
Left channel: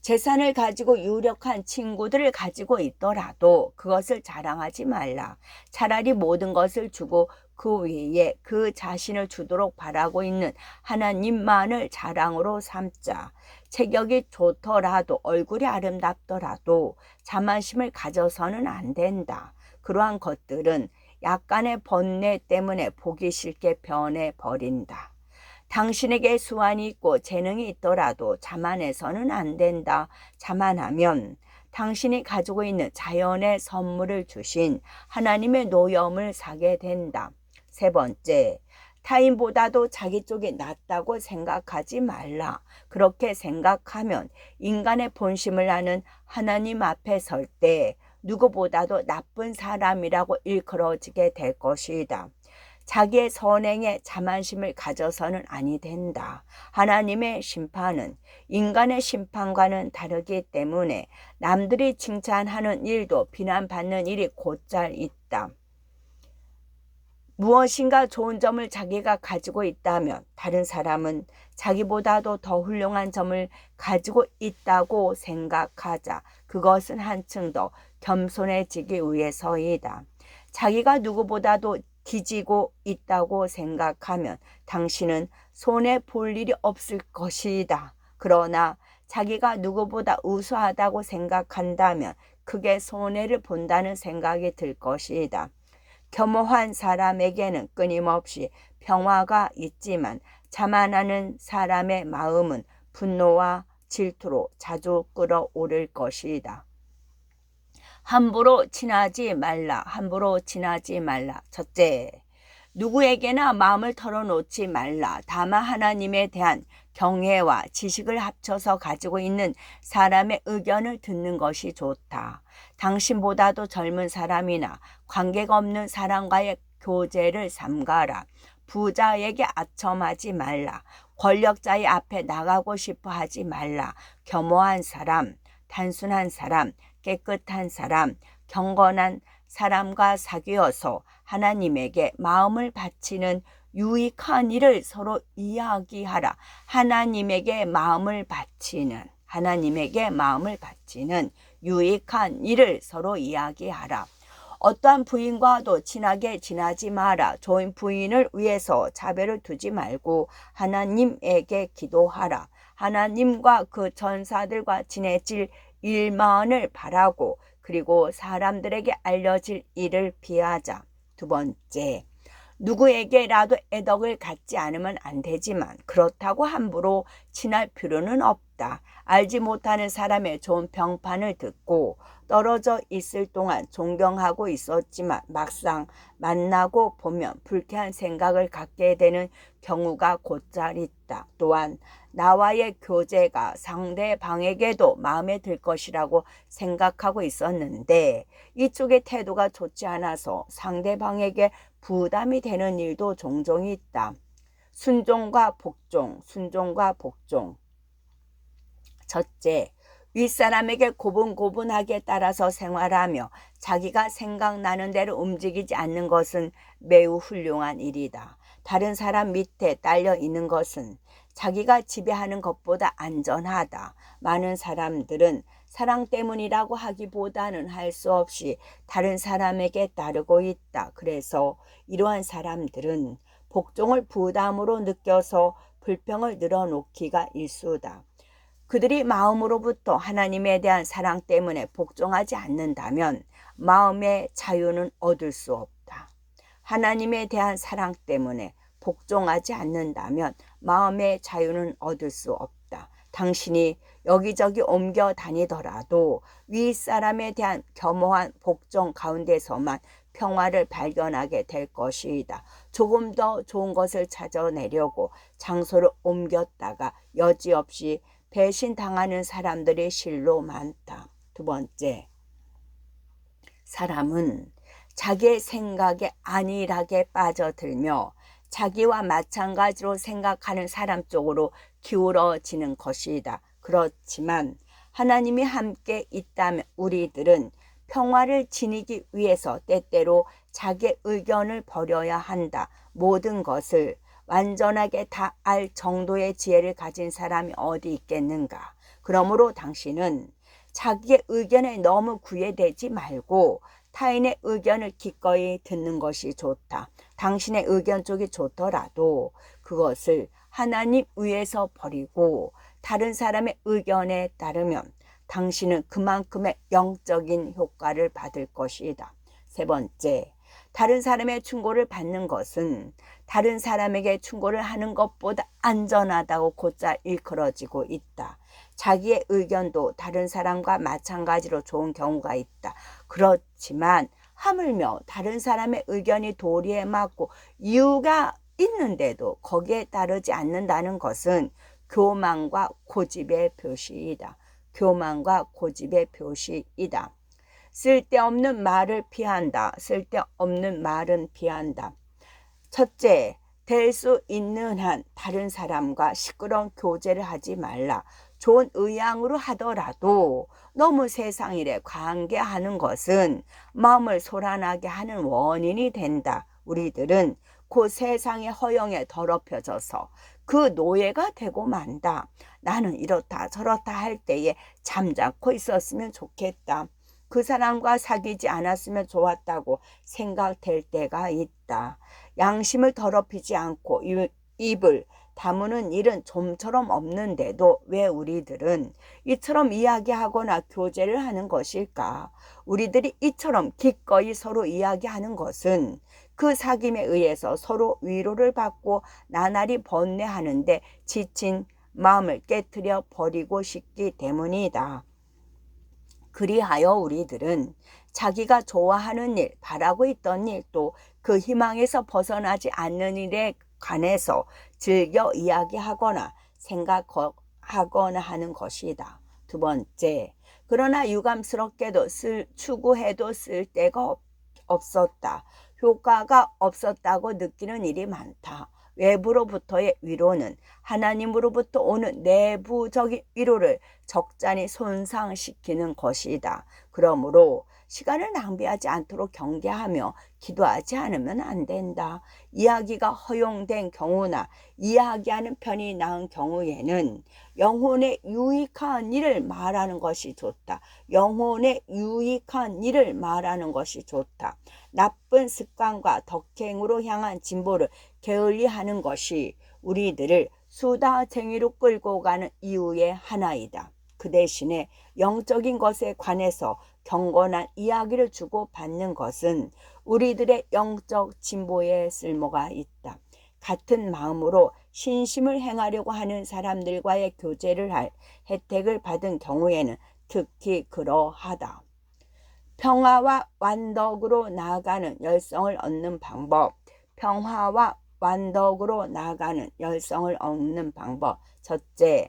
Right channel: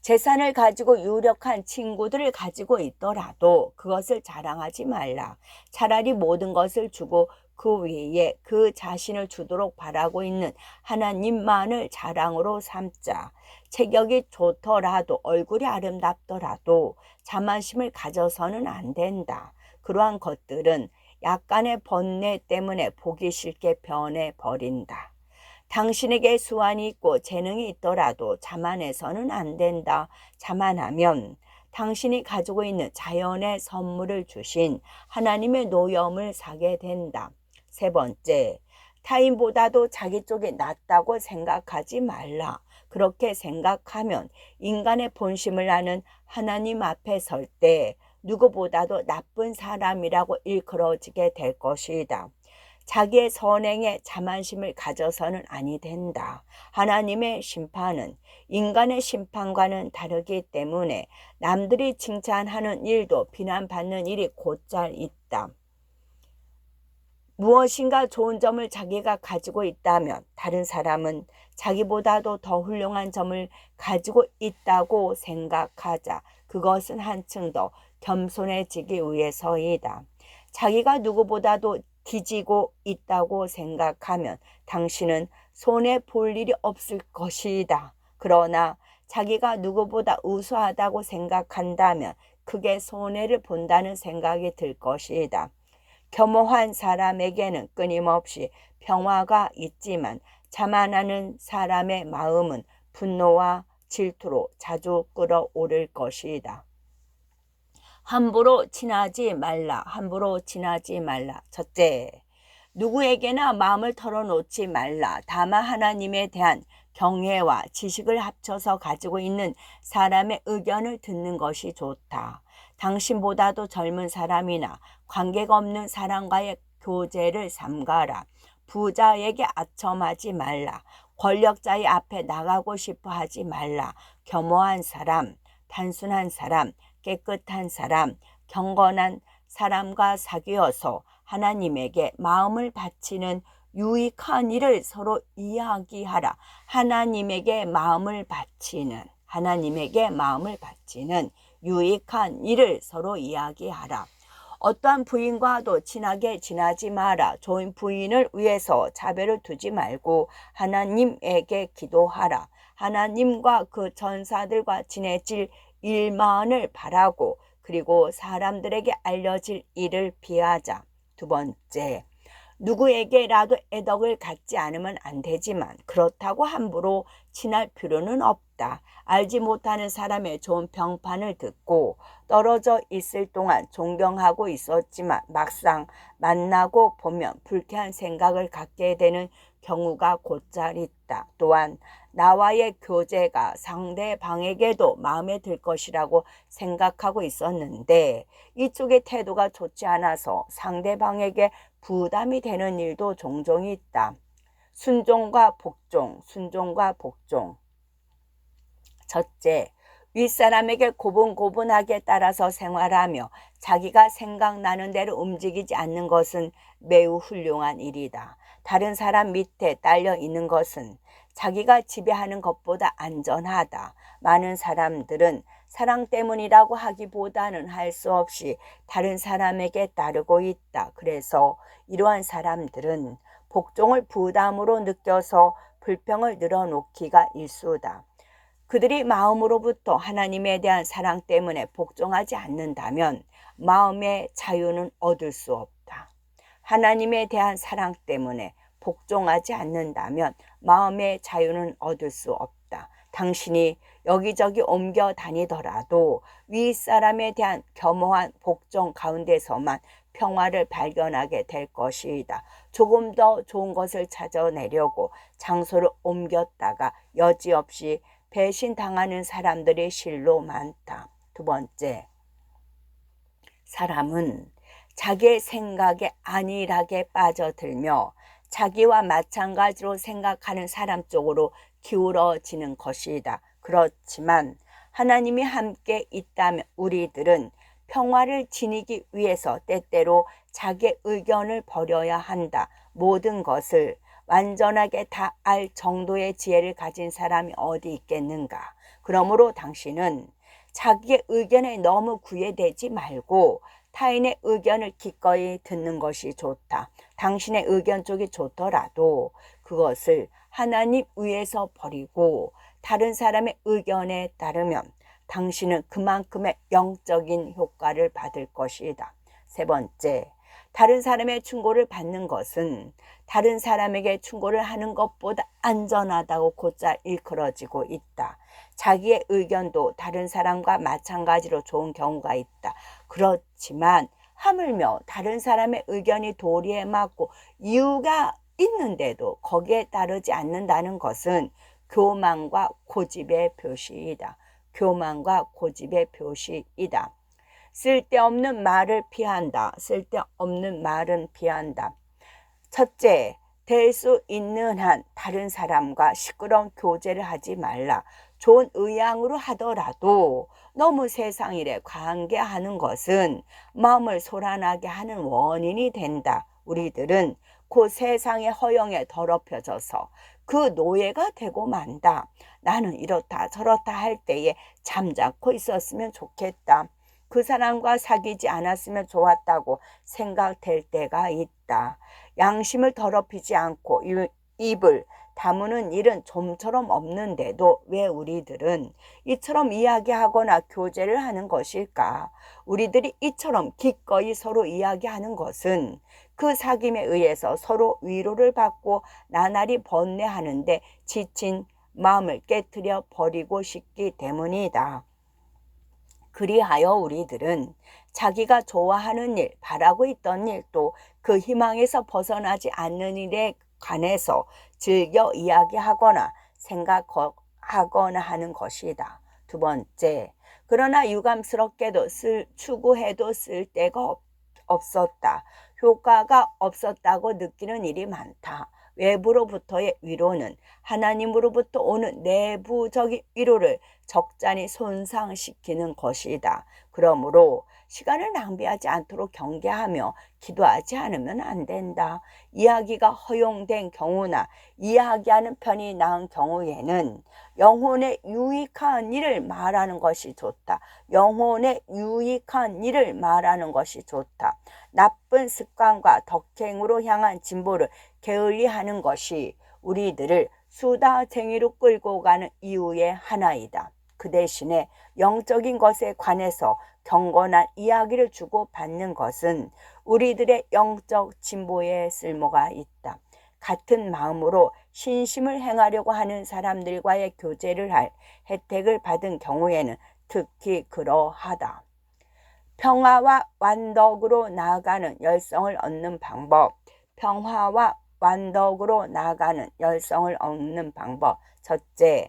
재산을 가지고 유력한 친구들을 가지고 있더라도 그것을 자랑하지 말라. 차라리 모든 것을 주고 그 위에 그 자신을 주도록 바라고 있는 하나님만을 자랑으로 삼자. 체격이 좋더라도 얼굴이 아름답더라도 자만심을 가져서는 안 된다. 그러한 것들은 약간의 번뇌 때문에 보기 싫게 변해버린다. 당신에게 수완이 있고 재능이 있더라도 자만해서는 안 된다. 자만하면 당신이 가지고 있는 자연의 선물을 주신 하나님의 노여움을 사게 된다. 세 번째, 타인보다도 자기 쪽이 낫다고 생각하지 말라. 그렇게 생각하면 인간의 본심을 아는 하나님 앞에 설 때 누구보다도 나쁜 사람이라고 일컬어지게 될 것이다. 자기의 선행에 자만심을 가져서는 아니 된다. 하나님의 심판은 인간의 심판과는 다르기 때문에 남들이 칭찬하는 일도 비난받는 일이 곧잘 있다. 무엇인가 좋은 점을 자기가 가지고 있다면 다른 사람은 자기보다도 더 훌륭한 점을 가지고 있다고 생각하자. 그것은 한층 더 겸손해지기 위해서이다. 자기가 누구보다도 뒤지고 있다고 생각하면 당신은 손해 볼 일이 없을 것이다. 그러나 자기가 누구보다 우수하다고 생각한다면 크게 손해를 본다는 생각이 들 것이다. 겸허한 사람에게는 끊임없이 평화가 있지만 자만하는 사람의 마음은 분노와 질투로 자주 끌어오를 것이다. 함부로 친하지 말라. 함부로 친하지 말라. 첫째, 누구에게나 마음을 털어놓지 말라. 다만 하나님에 대한 경외와 지식을 합쳐서 가지고 있는 사람의 의견을 듣는 것이 좋다. 당신보다도 젊은 사람이나 관계가 없는 사람과의 교제를 삼가라. 부자에게 아첨하지 말라. 권력자의 앞에 나가고 싶어 하지 말라. 겸허한 사람, 단순한 사람, 깨끗한 사람, 경건한 사람과 사귀어서 하나님에게 마음을 바치는 유익한 일을 서로 이야기하라. 하나님에게 마음을 바치는 유익한 일을 서로 이야기하라. 어떠한 부인과도 친하게 지내지 마라. 좋은 부인을 위해서 차별을 두지 말고 하나님에게 기도하라. 하나님과 그 천사들과 친해질 일만을 바라고 그리고 사람들에게 알려질 일을 피하자. 두 번째, 누구에게라도 애덕을 갖지 않으면 안 되지만 그렇다고 함부로 친할 필요는 없다. 알지 못하는 사람의 좋은 평판을 듣고 떨어져 있을 동안 존경하고 있었지만 막상 만나고 보면 불쾌한 생각을 갖게 되는 경우가 곧잘 있다. 또한 나와의 교제가 상대방에게도 마음에 들 것이라고 생각하고 있었는데 이쪽의 태도가 좋지 않아서 상대방에게 부담이 되는 일도 종종 있다. 순종과 복종. 첫째, 윗사람에게 고분고분하게 따라서 생활하며 자기가 생각나는 대로 움직이지 않는 것은 매우 훌륭한 일이다. 다른 사람 밑에 딸려 있는 것은 자기가 지배하는 것보다 안전하다. 많은 사람들은 사랑 때문이라고 하기보다는 할 수 없이 다른 사람에게 따르고 있다. 그래서 이러한 사람들은 복종을 부담으로 느껴서 불평을 늘어놓기가 일쑤다. 그들이 마음으로부터 하나님에 대한 사랑 때문에 복종하지 않는다면 마음의 자유는 얻을 수 없다. 하나님에 대한 사랑 때문에 복종하지 않는다면 마음의 자유는 얻을 수 없다. 당신이 여기저기 옮겨 다니더라도 윗사람에 대한 겸허한 복종 가운데서만 평화를 발견하게 될 것이다. 조금 더 좋은 것을 찾아내려고 장소를 옮겼다가 여지없이 배신당하는 사람들이 실로 많다. 두 번째, 사람은 자기의 생각에 안일하게 빠져들며 자기와 마찬가지로 생각하는 사람 쪽으로 기울어지는 것이다. 그렇지만 하나님이 함께 있다면 우리들은 평화를 지니기 위해서 때때로 자기의 의견을 버려야 한다. 모든 것을 완전하게 다 알 정도의 지혜를 가진 사람이 어디 있겠는가. 그러므로 당신은 자기의 의견에 너무 구애되지 말고 타인의 의견을 기꺼이 듣는 것이 좋다. 당신의 의견 쪽이 좋더라도 그것을 하나님 위에서 버리고 다른 사람의 의견에 따르면 당신은 그만큼의 영적인 효과를 받을 것이다. 세 번째, 다른 사람의 충고를 받는 것은 다른 사람에게 충고를 하는 것보다 안전하다고 곧잘 일컬어지고 있다. 자기의 의견도 다른 사람과 마찬가지로 좋은 경우가 있다. 그렇지만 하물며 다른 사람의 의견이 도리에 맞고 이유가 있는데도 거기에 따르지 않는다는 것은 교만과 고집의 표시이다. 쓸데없는 말은 피한다. 첫째, 될 수 있는 한 다른 사람과 시끄러운 교제를 하지 말라. 좋은 의향으로 하더라도 너무 세상 일에 관계하는 것은 마음을 소란하게 하는 원인이 된다. 우리들은 그 세상의 허영에 더럽혀져서 그 노예가 되고 만다. 나는 이렇다 저렇다 할 때에 잠자코 있었으면 좋겠다. 그 사람과 사귀지 않았으면 좋았다고 생각될 때가 있다. 양심을 더럽히지 않고 입을 다무는 일은 좀처럼 없는데도 왜 우리들은 이처럼 이야기하거나 교제를 하는 것일까? 우리들이 이처럼 기꺼이 서로 이야기하는 것은 그 사귐에 의해서 서로 위로를 받고 나날이 번뇌하는데 지친 마음을 깨트려 버리고 싶기 때문이다. 그리하여 우리들은 자기가 좋아하는 일, 바라고 있던 일, 또 그 희망에서 벗어나지 않는 일에 관해서 즐겨 이야기하거나 생각하거나 하는 것이다. 두 번째, 그러나 유감스럽게도 추구해도 쓸 데가 없었다. 효과가 없었다고 느끼는 일이 많다. 외부로부터의 위로는 하나님으로부터 오는 내부적인 위로를 적잖이 손상시키는 것이다. 그러므로 시간을 낭비하지 않도록 경계하며 기도하지 않으면 안 된다. 이야기가 허용된 경우나 이야기하는 편이 나은 경우에는 영혼에 유익한 일을 말하는 것이 좋다. 영혼에 유익한 일을 말하는 것이 좋다. 나쁜 습관과 덕행으로 향한 진보를 게을리하는 것이 우리들을 수다쟁이로 끌고 가는 이유의 하나이다. 그 대신에 영적인 것에 관해서 경건한 이야기를 주고받는 것은 우리들의 영적 진보에 쓸모가 있다. 같은 마음으로 신심을 행하려고 하는 사람들과의 교제를 할 혜택을 받은 경우에는 특히 그러하다. 평화와 완덕으로 나아가는 열성을 얻는 방법. 평화와 완덕으로 나아가는 열성을 얻는 방법. 첫째,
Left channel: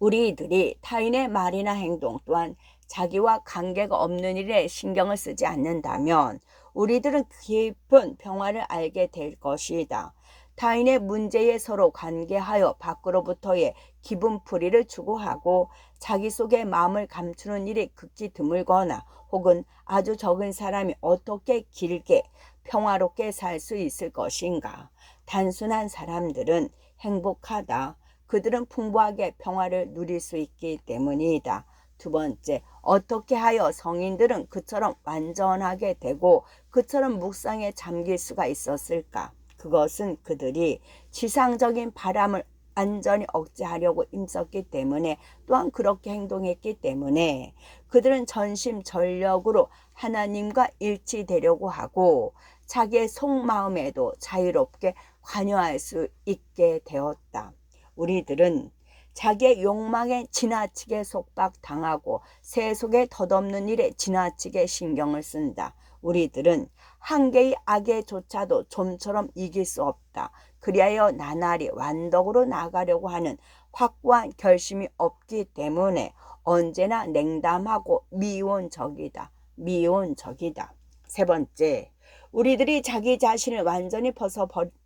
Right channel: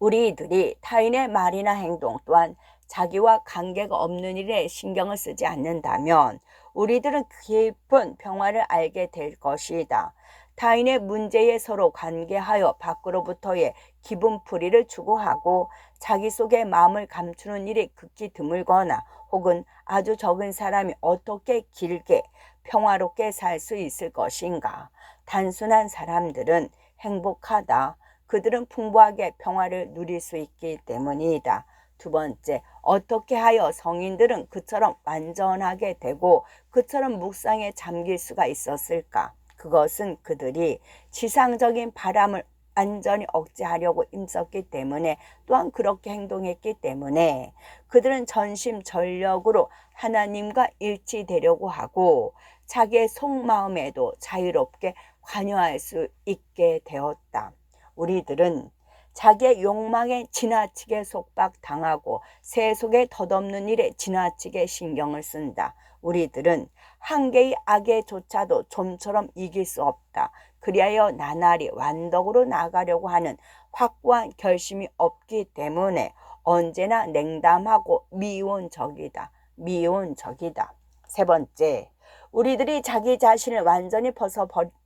우리들이 타인의 말이나 행동 또한 자기와 관계가 없는 일에 신경을 쓰지 않는다면 우리들은 깊은 평화를 알게 될 것이다. 타인의 문제에 서로 관계하여 밖으로부터의 기분풀이를 추구하고 자기 속의 마음을 감추는 일이 극히 드물거나 혹은 아주 적은 사람이 어떻게 길게 평화롭게 살 수 있을 것인가? 단순한 사람들은 행복하다. 그들은 풍부하게 평화를 누릴 수 있기 때문이다. 두 번째, 어떻게 하여 성인들은 그처럼 완전하게 되고 그처럼 묵상에 잠길 수가 있었을까? 그것은 그들이 지상적인 바람을 완전히 억제하려고 힘썼기 때문에, 또한 그렇게 행동했기 때문에 그들은 전심전력으로 하나님과 일치되려고 하고 자기의 속마음에도 자유롭게 관여할 수 있게 되었다. 우리들은 자기의 욕망에 지나치게 속박당하고 세속에 덧없는 일에 지나치게 신경을 쓴다. 우리들은 한 개의 악에조차도 좀처럼 이길 수 없다. 그리하여 나날이 완덕으로 나가려고 하는 확고한 결심이 없기 때문에 언제나 냉담하고 미온적이다. 미온적이다. 세 번째, 우리들이 자기 자신을 완전히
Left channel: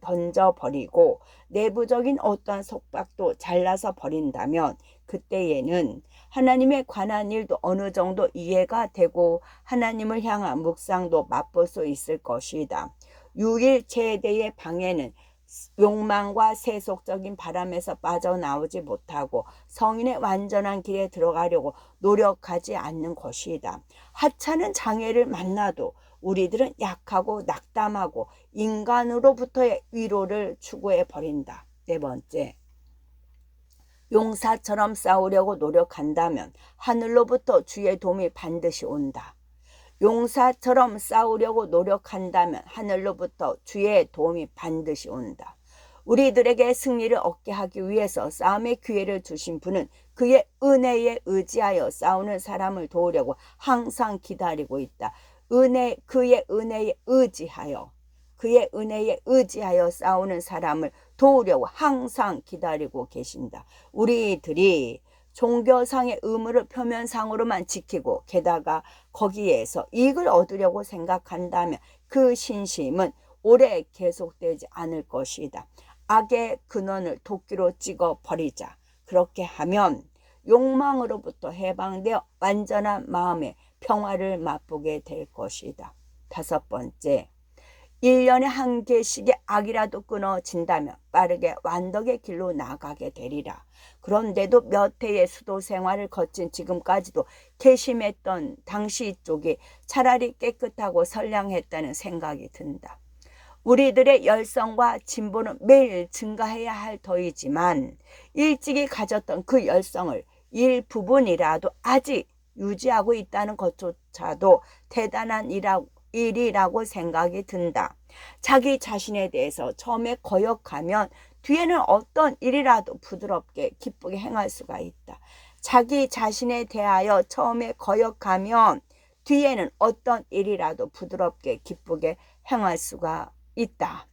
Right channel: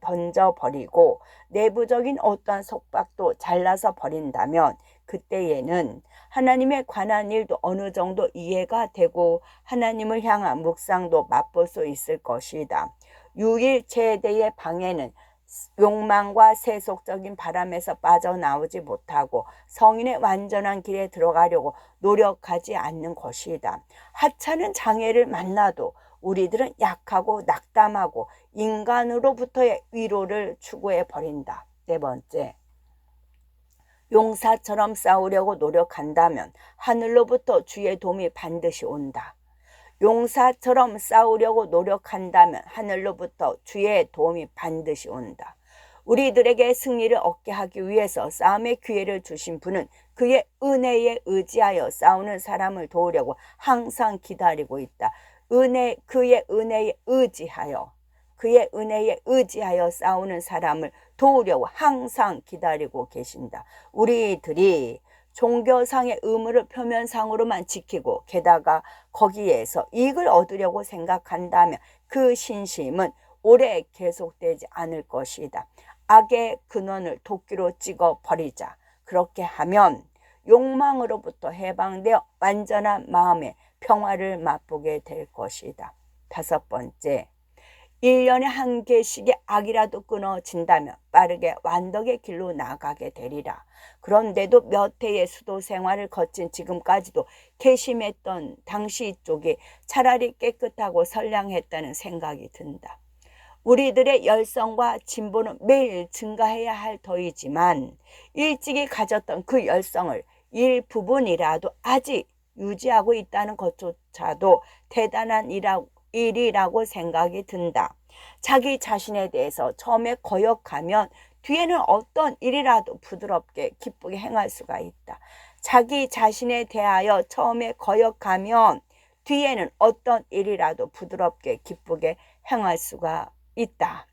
던져버리고 내부적인 어떠한 속박도 잘라서 버린다면 그때에는 하나님에 관한 일도 어느 정도 이해가 되고 하나님을 향한 묵상도 맛볼 수 있을 것이다. 유일체대의 방해는 욕망과 세속적인 바람에서 빠져나오지 못하고 성인의 완전한 길에 들어가려고 노력하지 않는 것이다. 하찮은 장애를 만나도 우리들은 약하고 낙담하고 인간으로부터의 위로를 추구해 버린다. 네 번째, 용사처럼 싸우려고 노력한다면 하늘로부터 주의 도움이 반드시 온다. 용사처럼 싸우려고 노력한다면 하늘로부터 주의 도움이 반드시 온다. 우리들에게 승리를 얻게 하기 위해서 싸움의 기회를 주신 분은 그의 은혜에 의지하여 싸우는 사람을 도우려고 항상 기다리고 있다. 그의 은혜에 의지하여 싸우는 사람을 도우려고 항상 기다리고 계신다. 우리들이 종교상의 의무를 표면상으로만 지키고 게다가 거기에서 이익을 얻으려고 생각한다면 그 신심은 오래 계속되지 않을 것이다. 악의 근원을 도끼로 찍어 버리자. 그렇게 하면 욕망으로부터 해방되어 완전한 마음의 평화를 맛보게 될 것이다. 다섯 번째, 1년에 한 개씩의 악이라도 끊어진다면 빠르게 완덕의 길로 나아가게 되리라. 그런데도 몇 해의 수도 생활을 거친 지금까지도 괘씸했던 당시 쪽이 차라리 깨끗하고 선량했다는 생각이 든다. 우리들의 열성과 진보는 매일 증가해야 할 터이지만 일찍이 가졌던 그 열성을 일부분이라도 아직 유지하고 있다는 것조차도 대단한 일이라고 생각이 든다. 자기 자신에 대해서 처음에 거역하면 뒤에는 어떤 일이라도 부드럽게 기쁘게 행할 수가 있다. 자기 자신에 대하여 처음에 거역하면 뒤에는 어떤 일이라도 부드럽게 기쁘게 행할 수가 있다.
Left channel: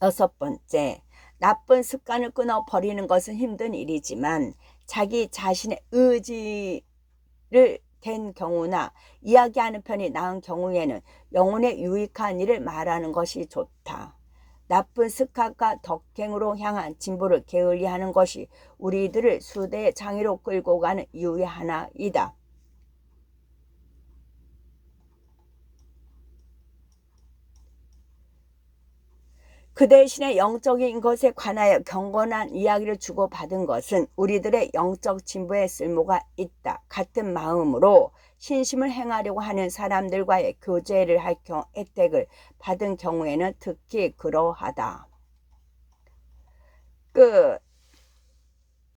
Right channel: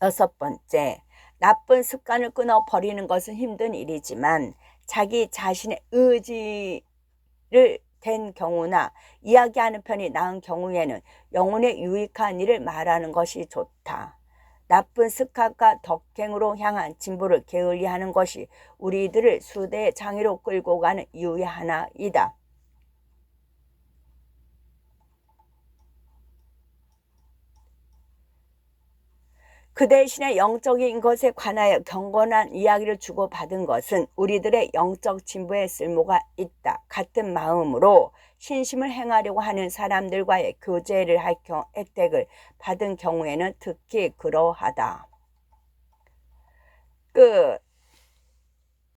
6번째, 나쁜 습관을 끊어버리는 것은 힘든 일이지만 자기 자신의 의지를 된 경우나 이야기하는 편이 나은 경우에는 영혼에 유익한 일을 말하는 것이 좋다. 나쁜 습관과 덕행으로 향한 진보를 게을리하는 것이 우리들을 수대의 장애로 끌고 가는 이유의 하나이다. 그 대신에 영적인 것에 관하여 경건한 이야기를 주고받은 것은 우리들의 영적 진보에 쓸모가 있다. 같은 마음으로 신심을 행하려고 하는 사람들과의 교제를 할 혜택을 받은 경우에는 특히 그러하다. 끝.